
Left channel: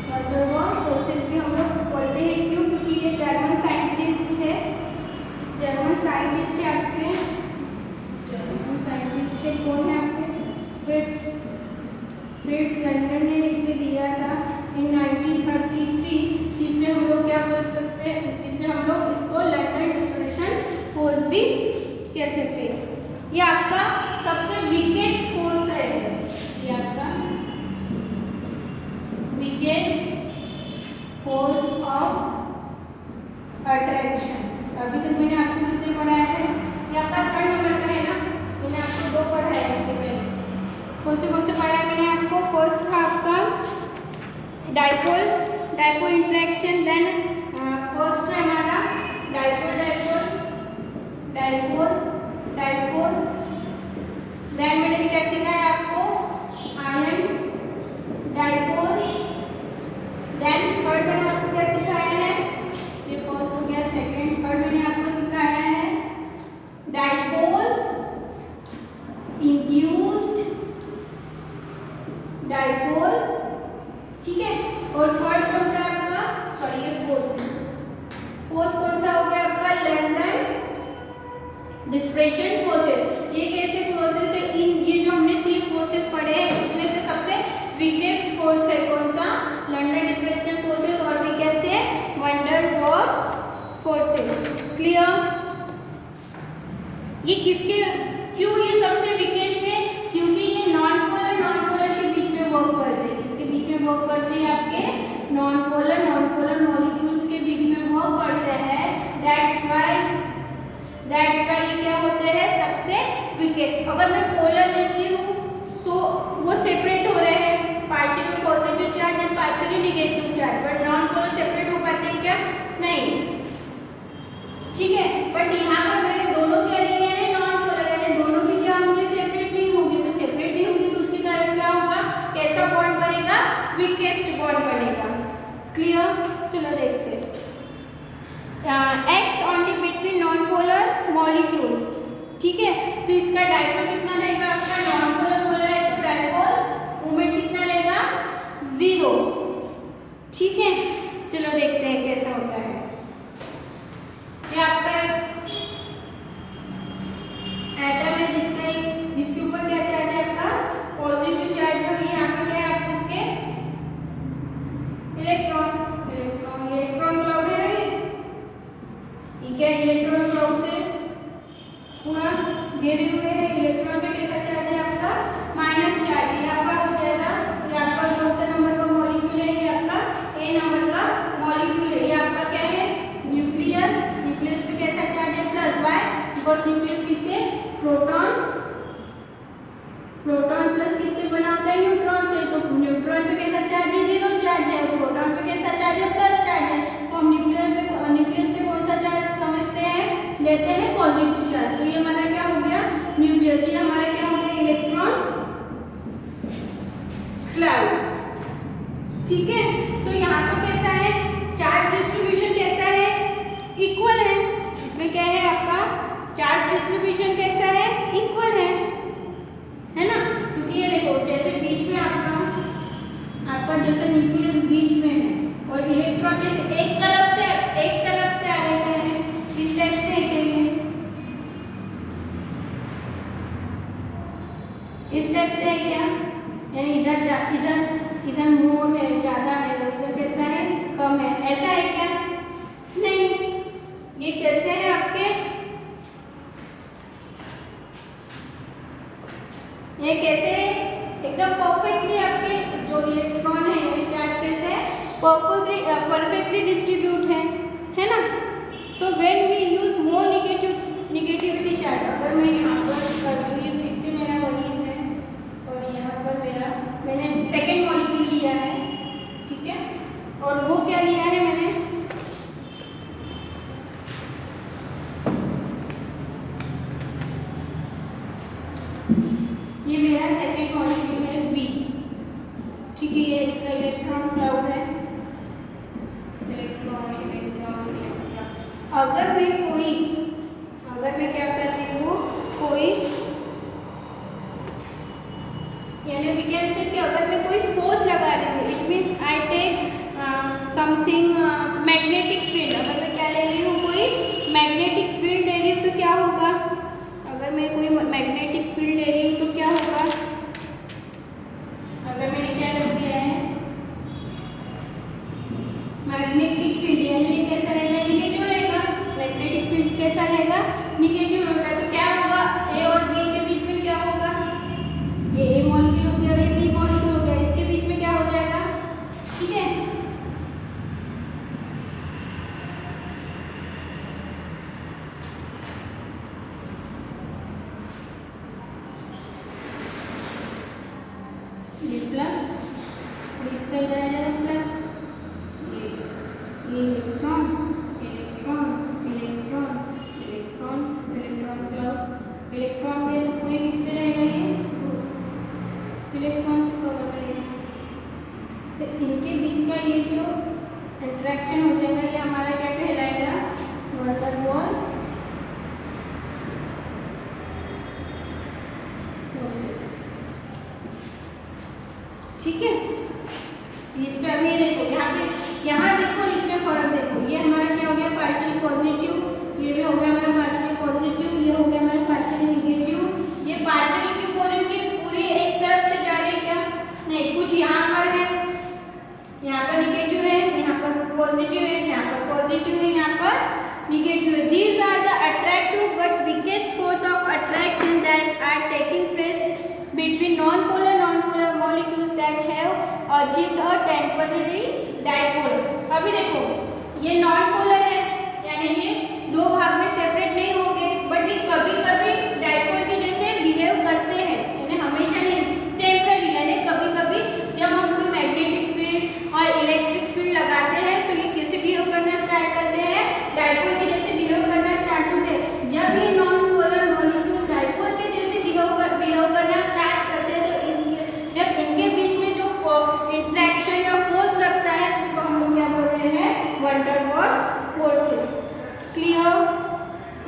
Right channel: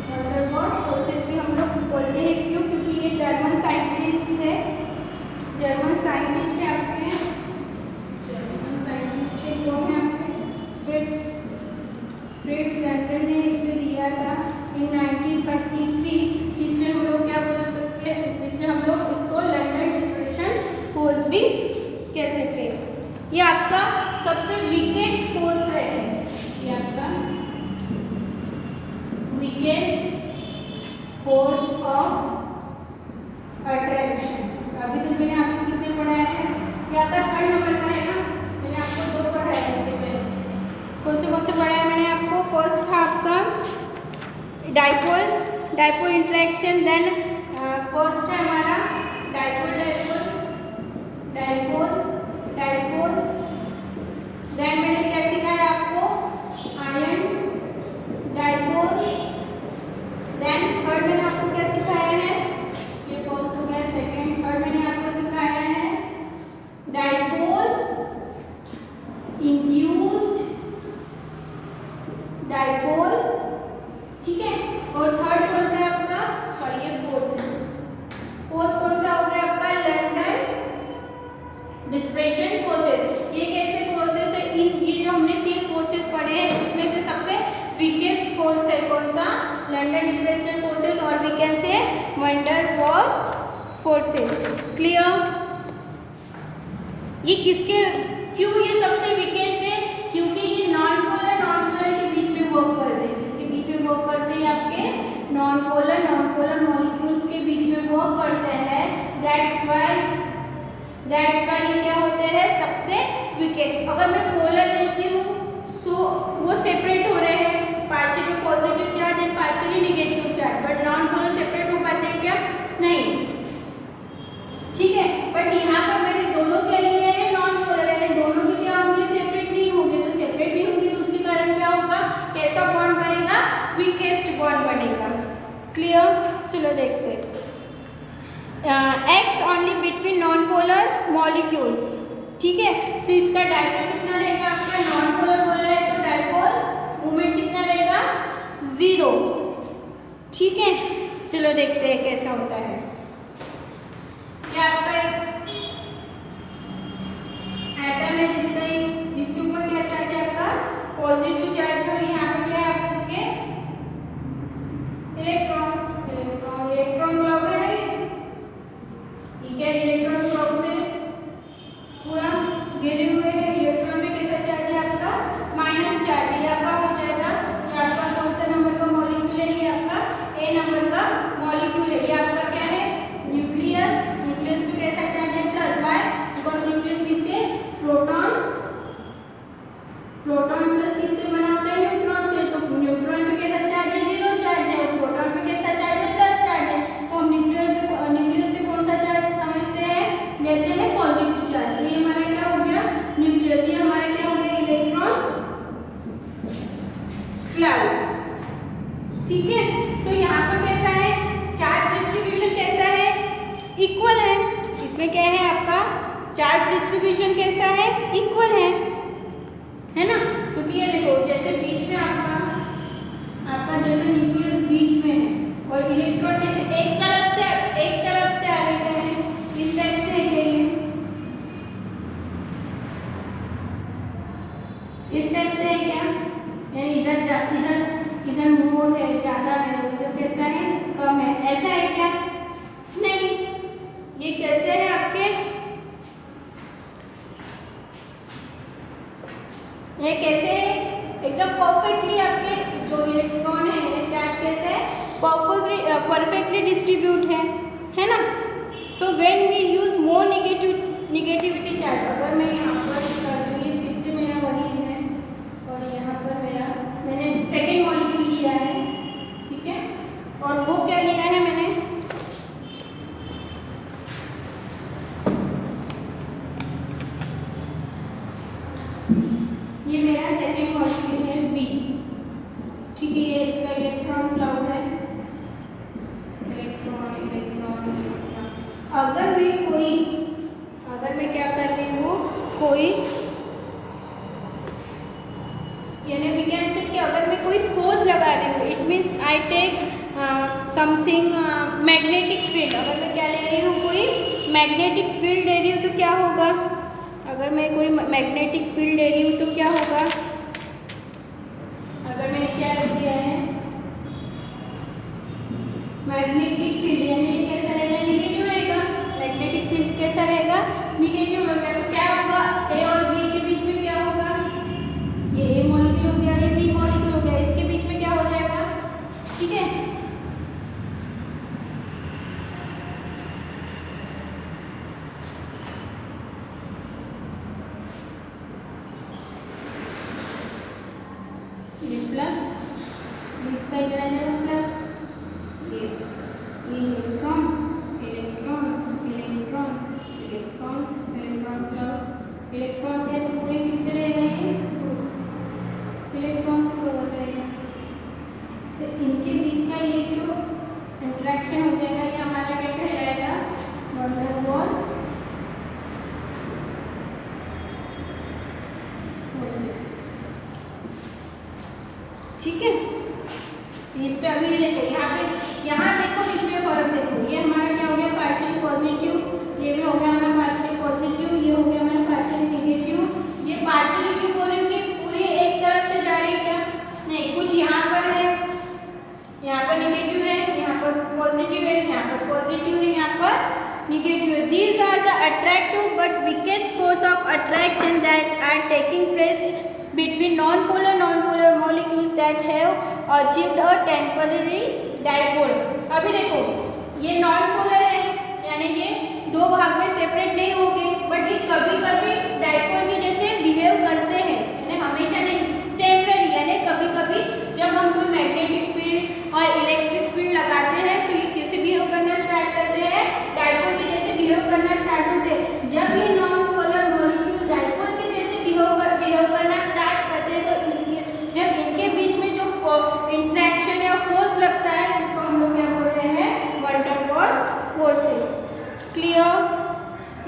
Wonder walls forces भी हम लोग बोलते हैं, क्यों क्योंकि ये जर्मन साइंटिस्ट है आपके जर्मन साइंटिस्ट है कौन है आपके फ्रिट्ज लंडन ने इसे दिया था इन 1933, जिसमें हम लोग क्या बोल सकते हैं, इसमें हम लोग इसको लंडन डिस्पर्शन फोर्स भी कह सकते हैं। ये आपका सबसे वीकेस्ट फोर्स है, ये आपका वीकेस्ट फोर्स ऑफ अट्रैक्शन। अभी तक मैंने आपको कितने पढ़ाया है, ये आपका 3rd नंबर का है ना, मैंने आपको 2 पढ़ाया है इसके पहले। कौन से पढ़ाया मैंने आपको? फर्स्ट था आपका डाइपोल इंटरेक्शन, देन फर्स्ट है हमारा डाइपोल, देन मैंने क्या सिखाया आपको? आयन डाइपोल, देन 3rd मैंने आपको क्या सिखाया है? ये फर्स्ट हो गया, 2nd, 3rd मैंने आपको सिखाया है डाइपोल इंड्यूस्ड डाइपोल, ठीक है। और 3rd कौन सा है आपका? सॉरी ये 4th कौन सा हो गया आपका? Lander dispersion forces. ये कैसे फोर्सेस है? ये जो हमने 3 फोर्सेस पढ़े हैं उसमें से सबसे वीकेस्ट फोर्स है कौन सा? लैंडर डिस्पर्शन फोर्सेस, और भी कैसे है? Wonder wall forces. क्लियर? ये किसके, क्यों ये सबसे वीकेस्ट है? क्योंकि ये नॉन पोलर के बीच में वर्क करते हैं। किसके बीच में वर्क करते हैं? आपके नॉन पोलर मॉलिक्यूल्स के बीच में वर्क करते हैं। दैट्स वाई ये क्या होते हैं? सबसे वीकेस्ट। अगर मैं पोलर लेती हूँ तो वो सेपरेट हो रहे हैं, partially positive charge and partially negative charge, but non polar separate हो पाते हैं क्या? नहीं, ठीक है। बट यहाँ पर मैंने दोनों क्या लिए हैं? नॉन पोलर, यानी दोनों भी क्या होंगे? सेपरेट नहीं होंगे। तो सेपरेट नहीं होंगे तो उसके कारण क्या होगा? कैसा बॉन्ड बनेगा? वीकेस्ट बॉन्ड बनेगा। क्लियर? चलो देखते हैं। Acts only between non polar molecules, ठीक है। तो इसका डाइपोल कितना रहेगा आपका? नॉन पोलर बोल रहा है तो डाइपोल मूवमेंट कितना रहेगा? 0, ठीक है। चलो देखते हैं कैसा होता है। ये आपका एटम है जिसके ऊपर क्या चार्ज है आपका? पॉजिटिव चार्ज है। यहाँ पर क्या है? आप इसके इलेक्ट्रॉन क्लाउड है नहीं, ठीक है। इलेक्ट्रॉन क्लाउड से पूरा घेरे हुए हैं। इलेक्ट्रॉन पे कैसा चार्ज है आपका? Minus charge. ये आपका हो जाएगा, ये आपका कौन सा नंबर का मॉलिक्यूल है? ये आपका A नंबर का मॉलिक्यूल है। ये आपका क्या है? न्यूक्लियस पे कैसा चार्ज है? प्लस। वाई? बिकॉज न्यूक्लियस किससे? प्रोटॉन प्लस किससे बना होता है? न्यूट्रॉन से। तो न्यूट्रॉन पे कैसा चार्ज है? 0 चार्ज है। और प्रोटॉन पे कैसा चार्ज है? प्लस चार्ज है। तो हम न्यूक्लियस पे कौन सा चार्ज समझते हैं? लेते हैं पॉजिटिव चार्ज। तो ये हमारा क्या हो गया? न्यूक्लियस। ये हमारा क्या हो गया? इलेक्ट्रॉन क्लाउड, ठीक है। सो यहाँ पर कैसा है? चार्ज डिस्ट्रीब्यूशन कैसा है? इक्वल है। इसमें क्या है आपका? चार्ज डिस्ट्रीब्यूशन कैसा है? इक्वल है ना। क्योंकि ये देखो, जैसे बीच में आपका जैसे न्यूक्लियस बीच में है और इलेक्ट्रॉन जैसे एक तरफ से आ रहे हैं, इस टाइप से है, इस टाइप से है क्या? यानी इधर मोर है, ज्यादा है, इधर कैसा है? कम है। ऐसा है क्या? नहीं। ये कैसे है आपके? ये कैसे एकदम परफेक्टली आपके जो इलेक्ट्रॉन है ये चार्ज कैसे है? परफेक्टली डिस्ट्रीब्यूट है ना। So when we use more negativity charge, अगर मैं यहाँ पर कर दूँ, ये फिर से मेरा वही है और यहाँ पर मैंने सेकेंड मॉलिक्यूल लिया है, ठीक है। और वो क्या लिया है मैंने? ये मेरा सेकेंड मॉलिक्यूल है बी, ठीक है। ये इसका इलेक्ट्रॉन क्लाउड है, इलेक्ट्रॉन। अगर मैं क्या कर रही हूँ, यानी वी कैन से कि अगर मैं कोई फोर्स लगा रही हूँ, it means I take something magnetic field. अगर मैं क्या ले रही हूँ? कोई मैग्नेटिक फील्ड ले रही हूँ तो क्या होगा? अगर मैं कोई मैग्नेटिक फील्ड ले रही हूँ तो क्या होगा? अगर मैंने क्या रख दिया है? मैग्नेटिक फील्ड, यानी ये कैसा रहेगा? निगेटिव रहेगा। मैग्नेटिक फील्ड कैसा रहेगा? निगेटिव रहेगा। तो क्या होगा? ए और बी इसका इधर आ जाएगा प्लस, ये electron electron electron electron electron club electron के तो पूरे किससे रहेगा, ये इलेक्ट्रॉन से कवर रहेगा। तो इनके बीच का ये जो इंटरेक्शन हो जाएगा ये हमारा क्या कहलाएगा, वैन डेर वाल फोर्सेस। ठीक है, इस पे अभी ये देखो, यहाँ देखो इसमें फर्क देखो, ये हमारा क्या हो गया पार्शियल पॉजिटिव, ये भी हो गया हमारा पार्शियल पॉजिटिव, ये हो गया हमारा पार्शियल नेगेटिव। ये पार्शियल क्यों बोल रही हूँ कि पूरी एक तरफ से जा रही है क्या, नहीं, कुछ यहाँ पर है, यहाँ पर नेगेटिव है, यहाँ पर पॉजिटिव है, यहाँ पर पॉजिटिव है, यहाँ पर नेगेटिव है। These are the attractive but weakest force of attraction that are taking place between non-polar molecules that have achieved a temporary dipole। अभी देखो ये नॉन पोलर है, यानी ये दो भाग में सेपरेट नहीं होंगे, बट ये कभी कभी डाइपोल की जैसे बिहेव करते हैं, यानी हमेशा नहीं, टेम्पररी, यानी कभी कभी जब हम कोई मैग्नेटिक फील्ड और इलेक्ट्रिक फील्ड लगाते हैं तो ये किसी बिहेव करना स्टार्ट करते हैं, डाइपोल की जैसे बिहेव करना स्टार्ट होते हैं। जब ये नॉन पोलर मॉलिक्यूल्स डाइपोल के जैसे बिहेव करना स्टार्ट करते हैं तो इसमें जब इनके बीच में जो इंटरेक्शन या फोर्स लगता है उसको हम लोग क्या बोलते हैं, van der Waals forces. Clear,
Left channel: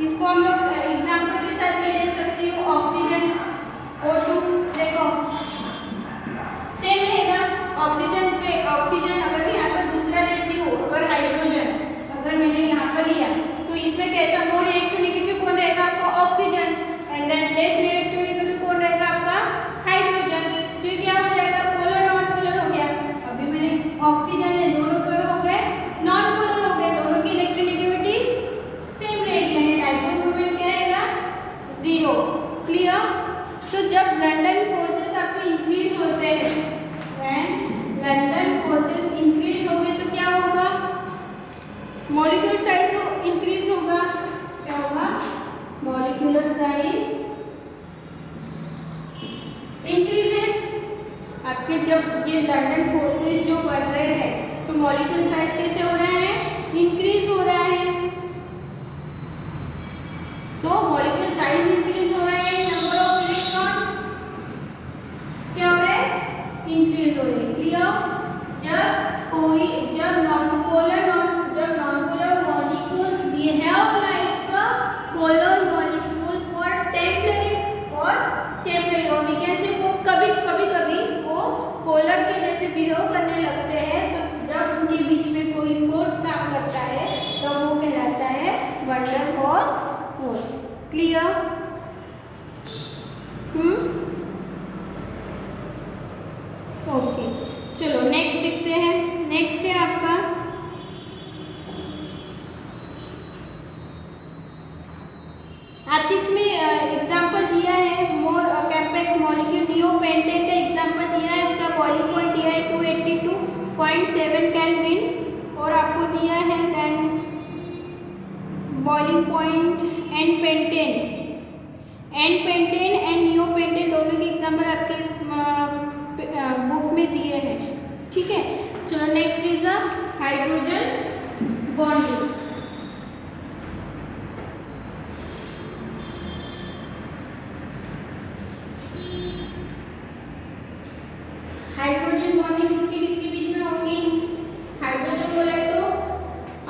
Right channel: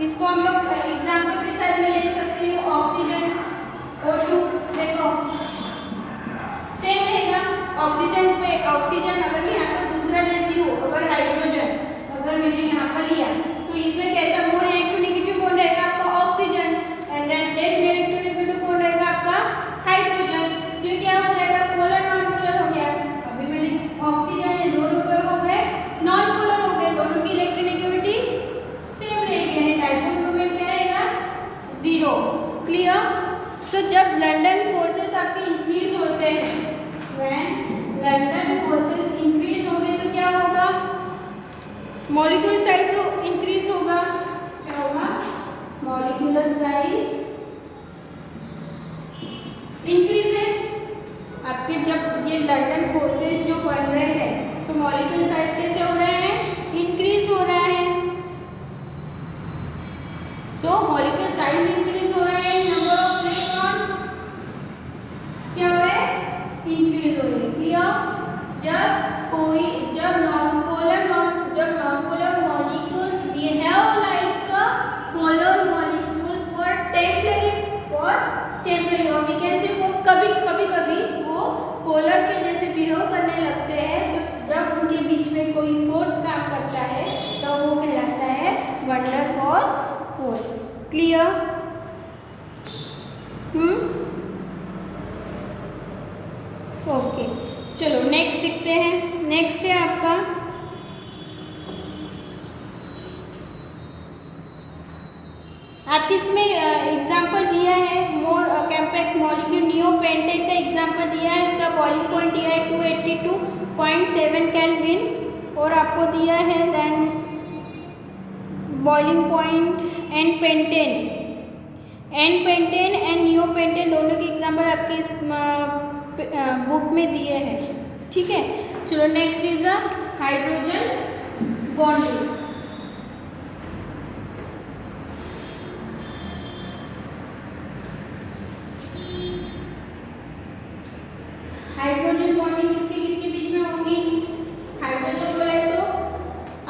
इसको हम लोग एग्जांपल के साथ में ले सकती हूँ, ऑक्सीजन O2 देखो सेम रहेगा, ऑक्सीजन पे ऑक्सीजन अगर मैं यहाँ पर दूसरा लेती हूँ, अगर हाइड्रोजन अगर मैंने यहाँ पर लिया तो इसमें कैसा मोर इलेक्ट्रोनेगेटिव कौन रहेगा आपका, oxygen, and than less electronegative कौन रहेगा आपका, हाइड्रोजन। तो क्या हो जाएगा, पोलर नॉन पोलर हो गया। अभी मैंने ऑक्सीजन ये दोनों क्या हो गए, नॉन पोलर हो गए, दोनों की इलेक्ट्रोनेगेटिविटी सेम रहेगी, यानी डाइपोल मोमेंट क्या रहेगा, 0। क्लियर। सो जब लंडन फोर्सेस आपके इंक्रीज होते हैं, व्हेन लंडन फोर्सेस इंक्रीज होंगे तो क्या होगा, मॉलिक्यूलर साइज इंक्रीज होगा, क्या होगा, मॉलिक्यूलर साइज इंक्रीजेस। आपके जब ये लंडन फोर्सेस जो बन रहे हैं तो मॉलिक्यूलर साइज कैसे हो रहा है, इंक्रीज हो रहा है। सो मॉलिक्यूलर साइज इंक्रीज हो रहा है, नंबर ऑफ इलेक्ट्रॉन क्या हो रहा है, इंक्रीज हो रही है। क्लियर। जब non polar molecules behave like polar molecules for temporary और वी कैन से वो कभी वो पोलर के जैसे बिहेव करने लगते हैं, तो जब उनके बीच में कोई फोर्स काम करता है तो वो कहलाता है van der Waals force. Clear. Okay, चलो नेक्स्ट देखते हैं। नेक्स्ट है आपका इसमें एग्जाम्पल दिया है मोर कॉम्पैक्ट मॉलिक्यूल नियोपेंटेन का एग्जाम्पल दिया है, उसका बॉइलिंग पॉइंट दिया है 282.7 केल्विन और आपको दिया है then boiling point and pentane and neopentane दोनों के एग्जाम्पल आपके इस बुक में दिए हैं। ठीक है, चलो next is a hydrogen bonding. Hydrogen bonding किसके बीच में होगी, हाइड्रोजन बोला है तो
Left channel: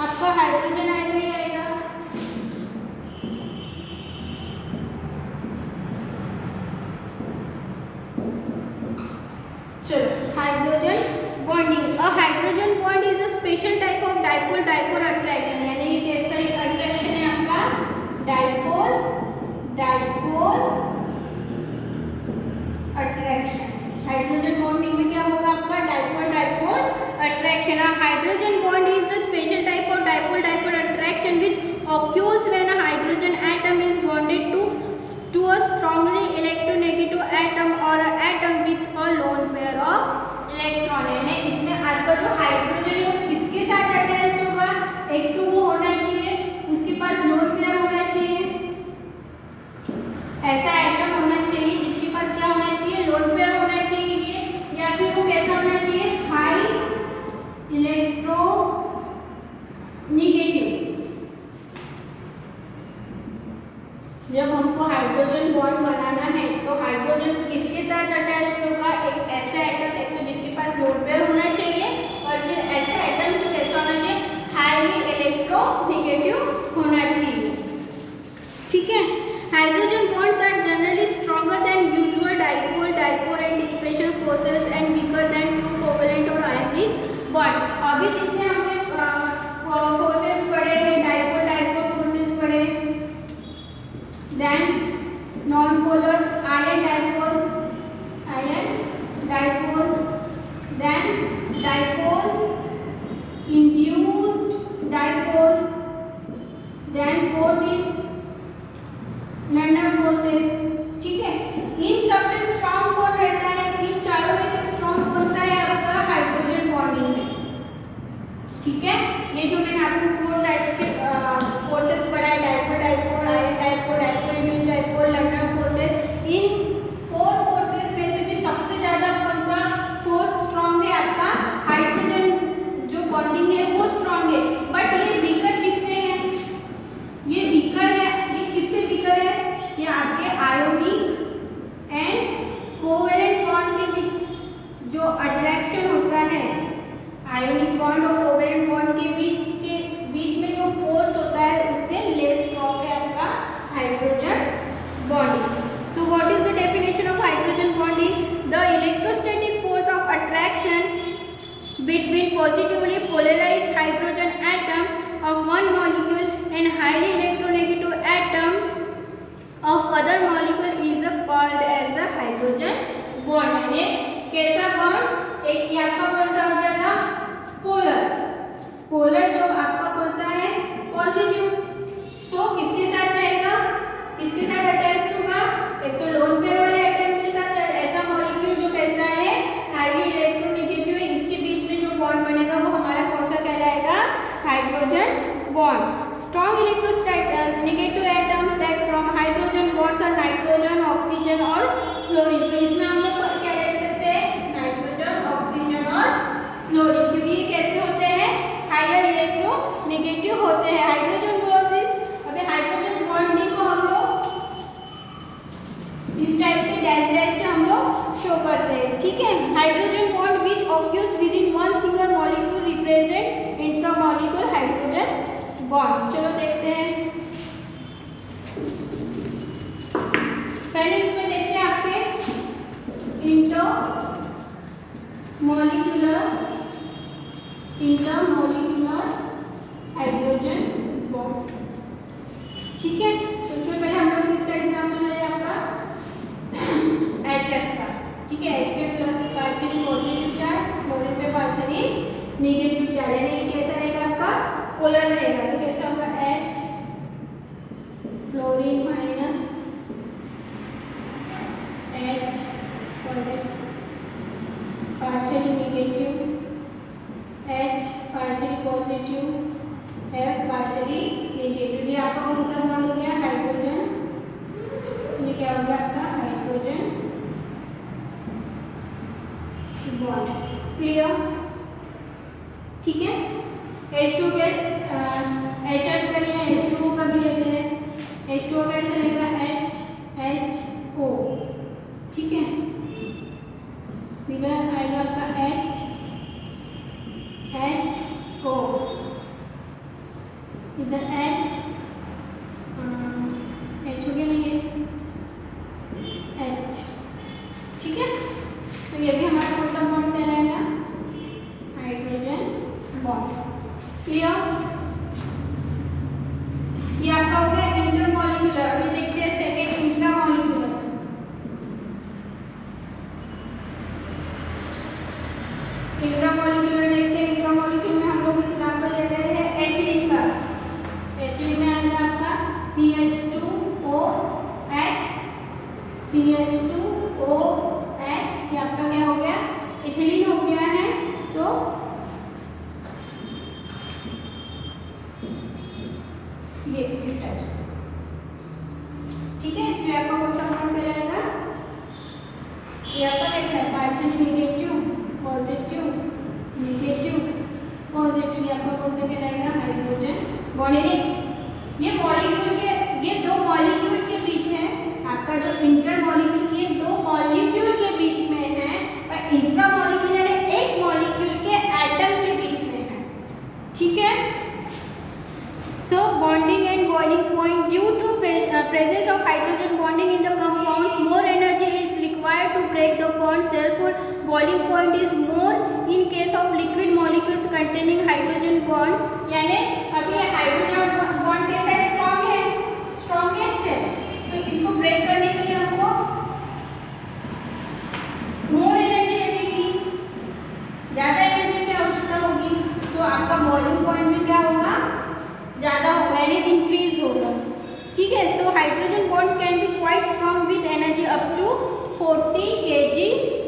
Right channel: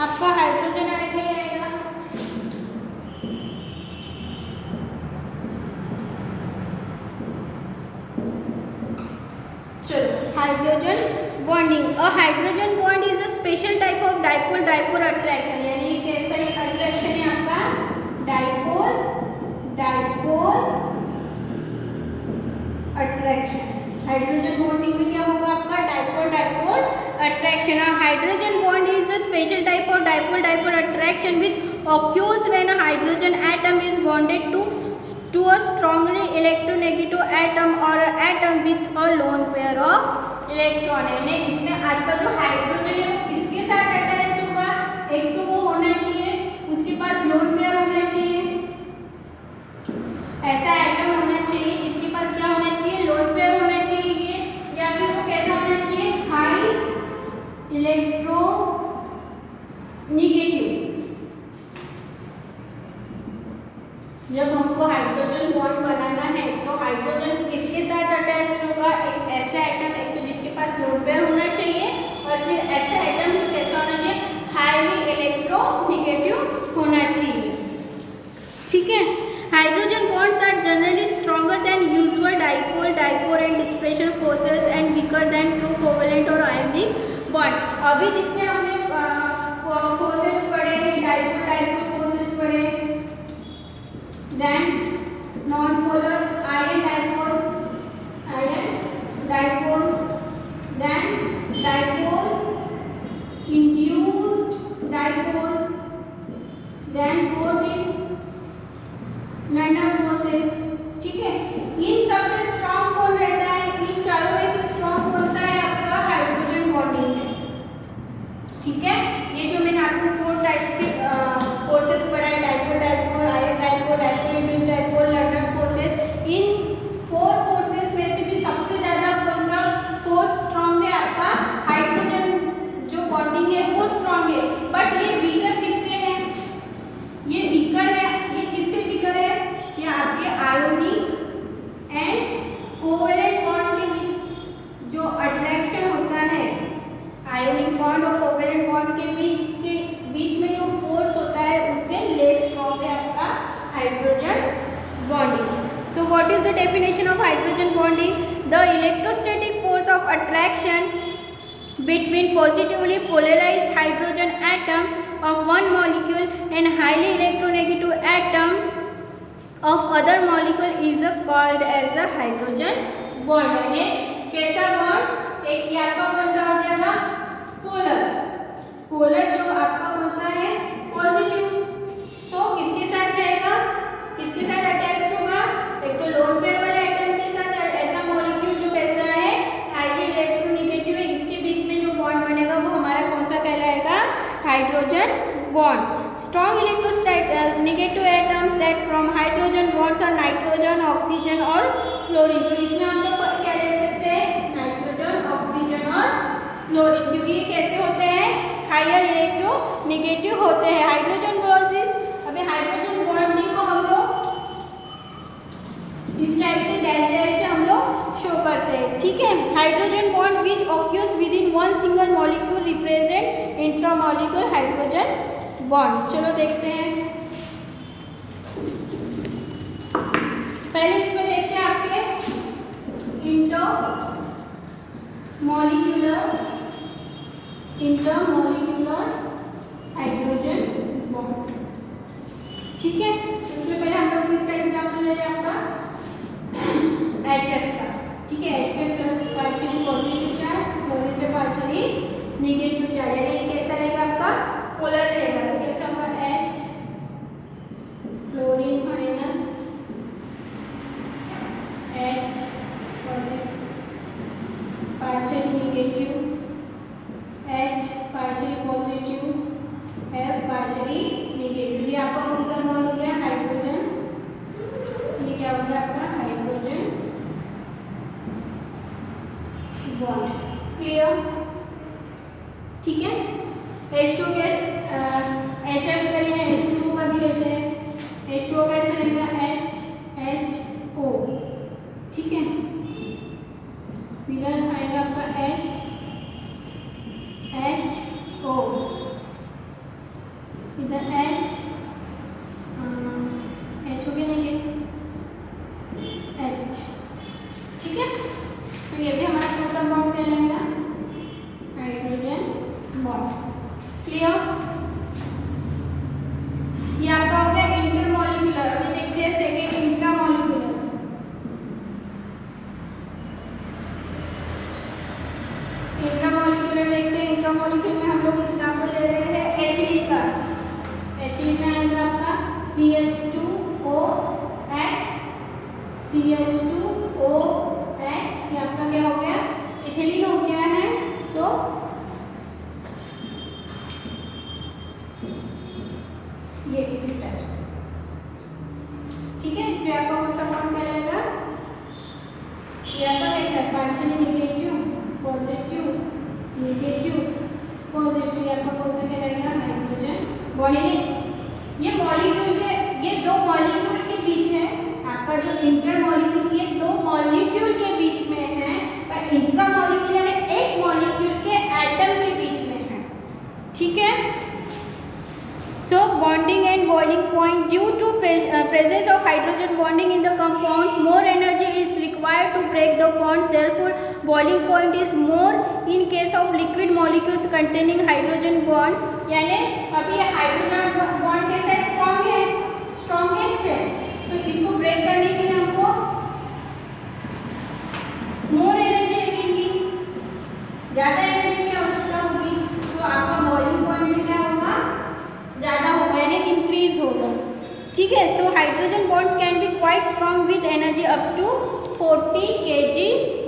आपका हाइड्रोजन आएगा ही आएगा। चलो hydrogen bonding, a hydrogen bond is a special type of dipole attraction, यानी कैसा अट्रैक्शन है आपका डाइपोल अट्रैक्शन। हाइड्रोजन बॉन्डिंग में क्या होगा आपका dipole attraction. Hydrogen bond is a special type of dipole attraction which occurs when a hydrogen atom is bonded to a strongly electronegative atom or an atom with a lone pair of electron। यानी इसमें आपका जो hydrogen किसके साथ attach होगा, एक तो वो होना चाहिए उसके पास लोन पेयर होना चाहिए, ऐसा एटम होना चाहिए जिसके पास क्या होना चाहिए, लोन पेयर होना चाहिए, या फिर वो कैसा होना चाहिए, हाई हमको हाइड्रोजन बॉन्ड बनाना है तो हाइड्रोजन किसके साथ अटैच होगा, एक ऐसा एटम, एक तो जिसके पास लोन पेयर होना चाहिए और फिर ऐसा एटम जो कैसा होना चाहिए, हाईली इलेक्ट्रोनेगेटिव होना चाहिए। ठीक है, hydrogen bonds are generally stronger than usual dipole and dispersion forces and weaker than true covalent और आयनिक बॉन्ड। अभी जितने हमने फोर्सेस पढ़े, डाइपोल फोर्सेस पढ़े, then non polar ion dipole, then dipole induced dipole, then fourth is London forces. ठीक है, इन सबसे strong कौन रहता है, इन चारों में से स्ट्रॉन्ग कौन सा है आपका, हाइड्रोजन बॉन्डिंग है। ठीक है, ये जो मैंने आपको 4 टाइप्स के फोर्सेस पढ़ाए, dipole, ion dipole induced dipole, London forces, इन 4 फोर्सेस में से भी सबसे ज्यादा कौन सा फोर्स स्ट्रॉन्ग है आपका, हाइड्रोजन जो बॉन्डिंग है वो स्ट्रॉन्ग है। बट ये वीकर किससे है, ये वीकर है, ये किससे वीकर है, ये आपके आयोनिक एंड कोवेलेंट बॉन्ड के बीच जो अट्रैक्शन होता है, आयोनिक बॉन्ड और कोवेलेंट बॉन्ड के बीच में जो फोर्स होता है उससे लेस स्ट्रॉन्ग है आपका hydrogen bonding. So what is the definition of hydrogen bonding, the electrostatic force of attraction between positively polarized hydrogen atom of one molecule and highly electronegative atom of other molecule is called as a hydrogen bond। यानी कैसा bond, एक ये आपका कौन सा हो जाएगा, polar जो आपका कौन सा है, पॉजिटिव। सो किसके साथ रहेगा, किसके साथ अटैच होगा, एक तो लोन पेयर वाले एटम के साथ, ऐसा मॉलिक्यूल जो कैसा है, हाईली इलेक्ट्रोनेगेटिव है, इसके बीच में जो बॉन्ड बनेगा वो हमारा कौन सा कहलाएगा, hydrogen bond. Strong electronegative atoms that from hydrogen bonds are nitrogen, oxygen और फ्लोरीन। तो इसमें हम लोग क्या लिख सकते हैं, नाइट्रोजन, ऑक्सीजन और फ्लोरीन, क्योंकि ये कैसे होते हैं, हायर इलेक्ट्रोनेगेटिव होते हैं। हाइड्रोजन बॉन्ड्स, अभी हाइड्रोजन बॉन्डिंग को हम लोग इस टाइप से डैश से हम लोग शो करते हैं। ठीक है, hydrogen bond which occurs within one single molecule represent intramolecular hydrogen bond. चलो देखते हैं, पहले इसमें देखते हैं आपके इंटरमॉलिक्यूलर हाइड्रोजन बॉन्ड। ठीक है, तो इसमें पहले हम लोग किसका एग्जांपल ले रहे हैं, आपका HF का। ठीक है, HF plus partially positive charge, fluorine पे पार्शियली नेगेटिव चार्ज, यानी ये कैसा रहेगा आपका, पोलर रहेगा। तो कैसा होगा, H fluorine minus H positive partially negative, H partially positive, F partially negative. ये आपका कौन सा बॉन्ड हो गया, हाइड्रोजन, ये क्या हो गया आपका, हाइड्रोजन बॉन्ड। क्लियर, ठीक है। H2 के HF का लिया, H2O का भी लेते हैं। H2O का ऐसा रहेगा HHO। ठीक है, इधर आएगा आपका HHO, इधर H हो गया नहीं H। ठीक है, तो ये भी हमारा कौन सा बॉन्ड कहलाएगा, हाइड्रोजन बॉन्ड। क्लियर, ये आपका हो गया इंटरमॉलिक्यूलर। अभी देखते हैं सेकंड इंट्रामॉलिक्यूलर। इंट्रामॉलिक्यूलर देखते हैं, इंट्रामॉलिक्यूलर में हम लोग एग्जांपल ले रहे हैं एथिलीन का। एथिलीन में आएगा आपका CH2OH, ये आपका क्या हो गया, इथिलीन हो गया है। सो ये इस टाइप से। ठीक है, जो आपका कौन सा बॉन्ड कहलाएगा, ये आपका कैसा है, partially negative positive negative positive, ये आपका कौन सा कहलाएगा, हाइड्रोजन बॉन्ड। ये मॉलिक्यूल के, ये दो मॉलिक्यूल के बीच में hydrogen bonding in the compounds, more energy is required to break the bonds. Therefore, boiling point is more in case of liquid molecules containing hydrogen bond. यानी अभी ये हाइड्रोजन बॉन्ड कैसा है, स्ट्रॉन्ग है, स्ट्रॉन्गेस्ट है, तो इसको ब्रेक करने के लिए हमको मोर एनर्जी लगेगी, ज़्यादा एनर्जी की आवश्यकता होगी, तो आपका बॉइलिंग पॉइंट भी क्या होगा, ज़्यादा होगा, यानी इंक्रीज होगा। ठीक है, so hydrogen bonds can be quite strong with energy up to 40 kg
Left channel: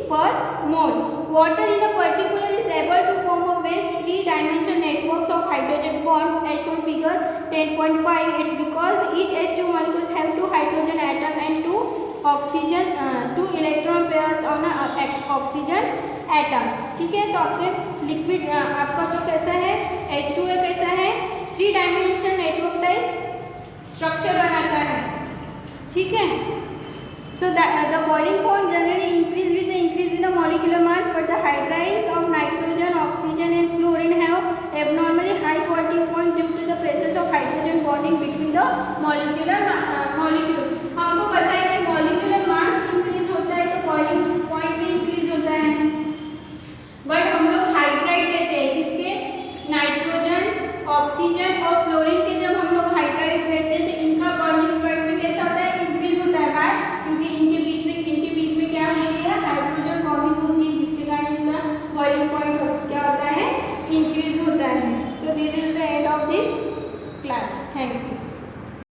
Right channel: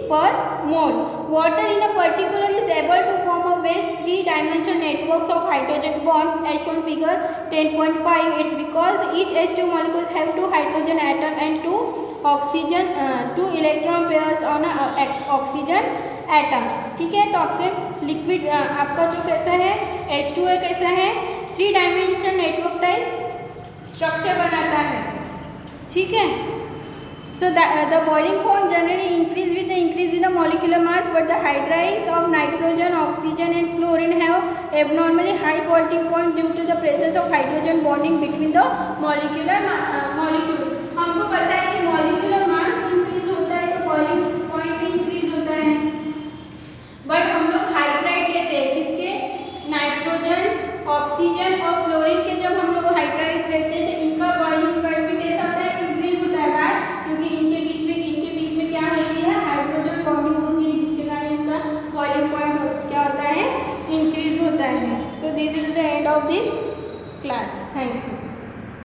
per mole. Water in a particular is able to form a vast three-dimensional networks of hydrogen bonds as shown figure 10.5. It's because each H2 molecules have two hydrogen atom and two electron pairs on a oxygen atom. ठीक है, तो आपके liquid आपका जो कैसा है H2 कैसा है, 3 डायमेंशनल नेटवर्क टाइप स्ट्रक्चर बनाता है। ठीक है, so the boiling point generally increase with the increase in the molecular mass, but the hydrides of nitrogen, oxygen and fluorine have abnormally high boiling point due to the presence of hydrogen bonding between the molecular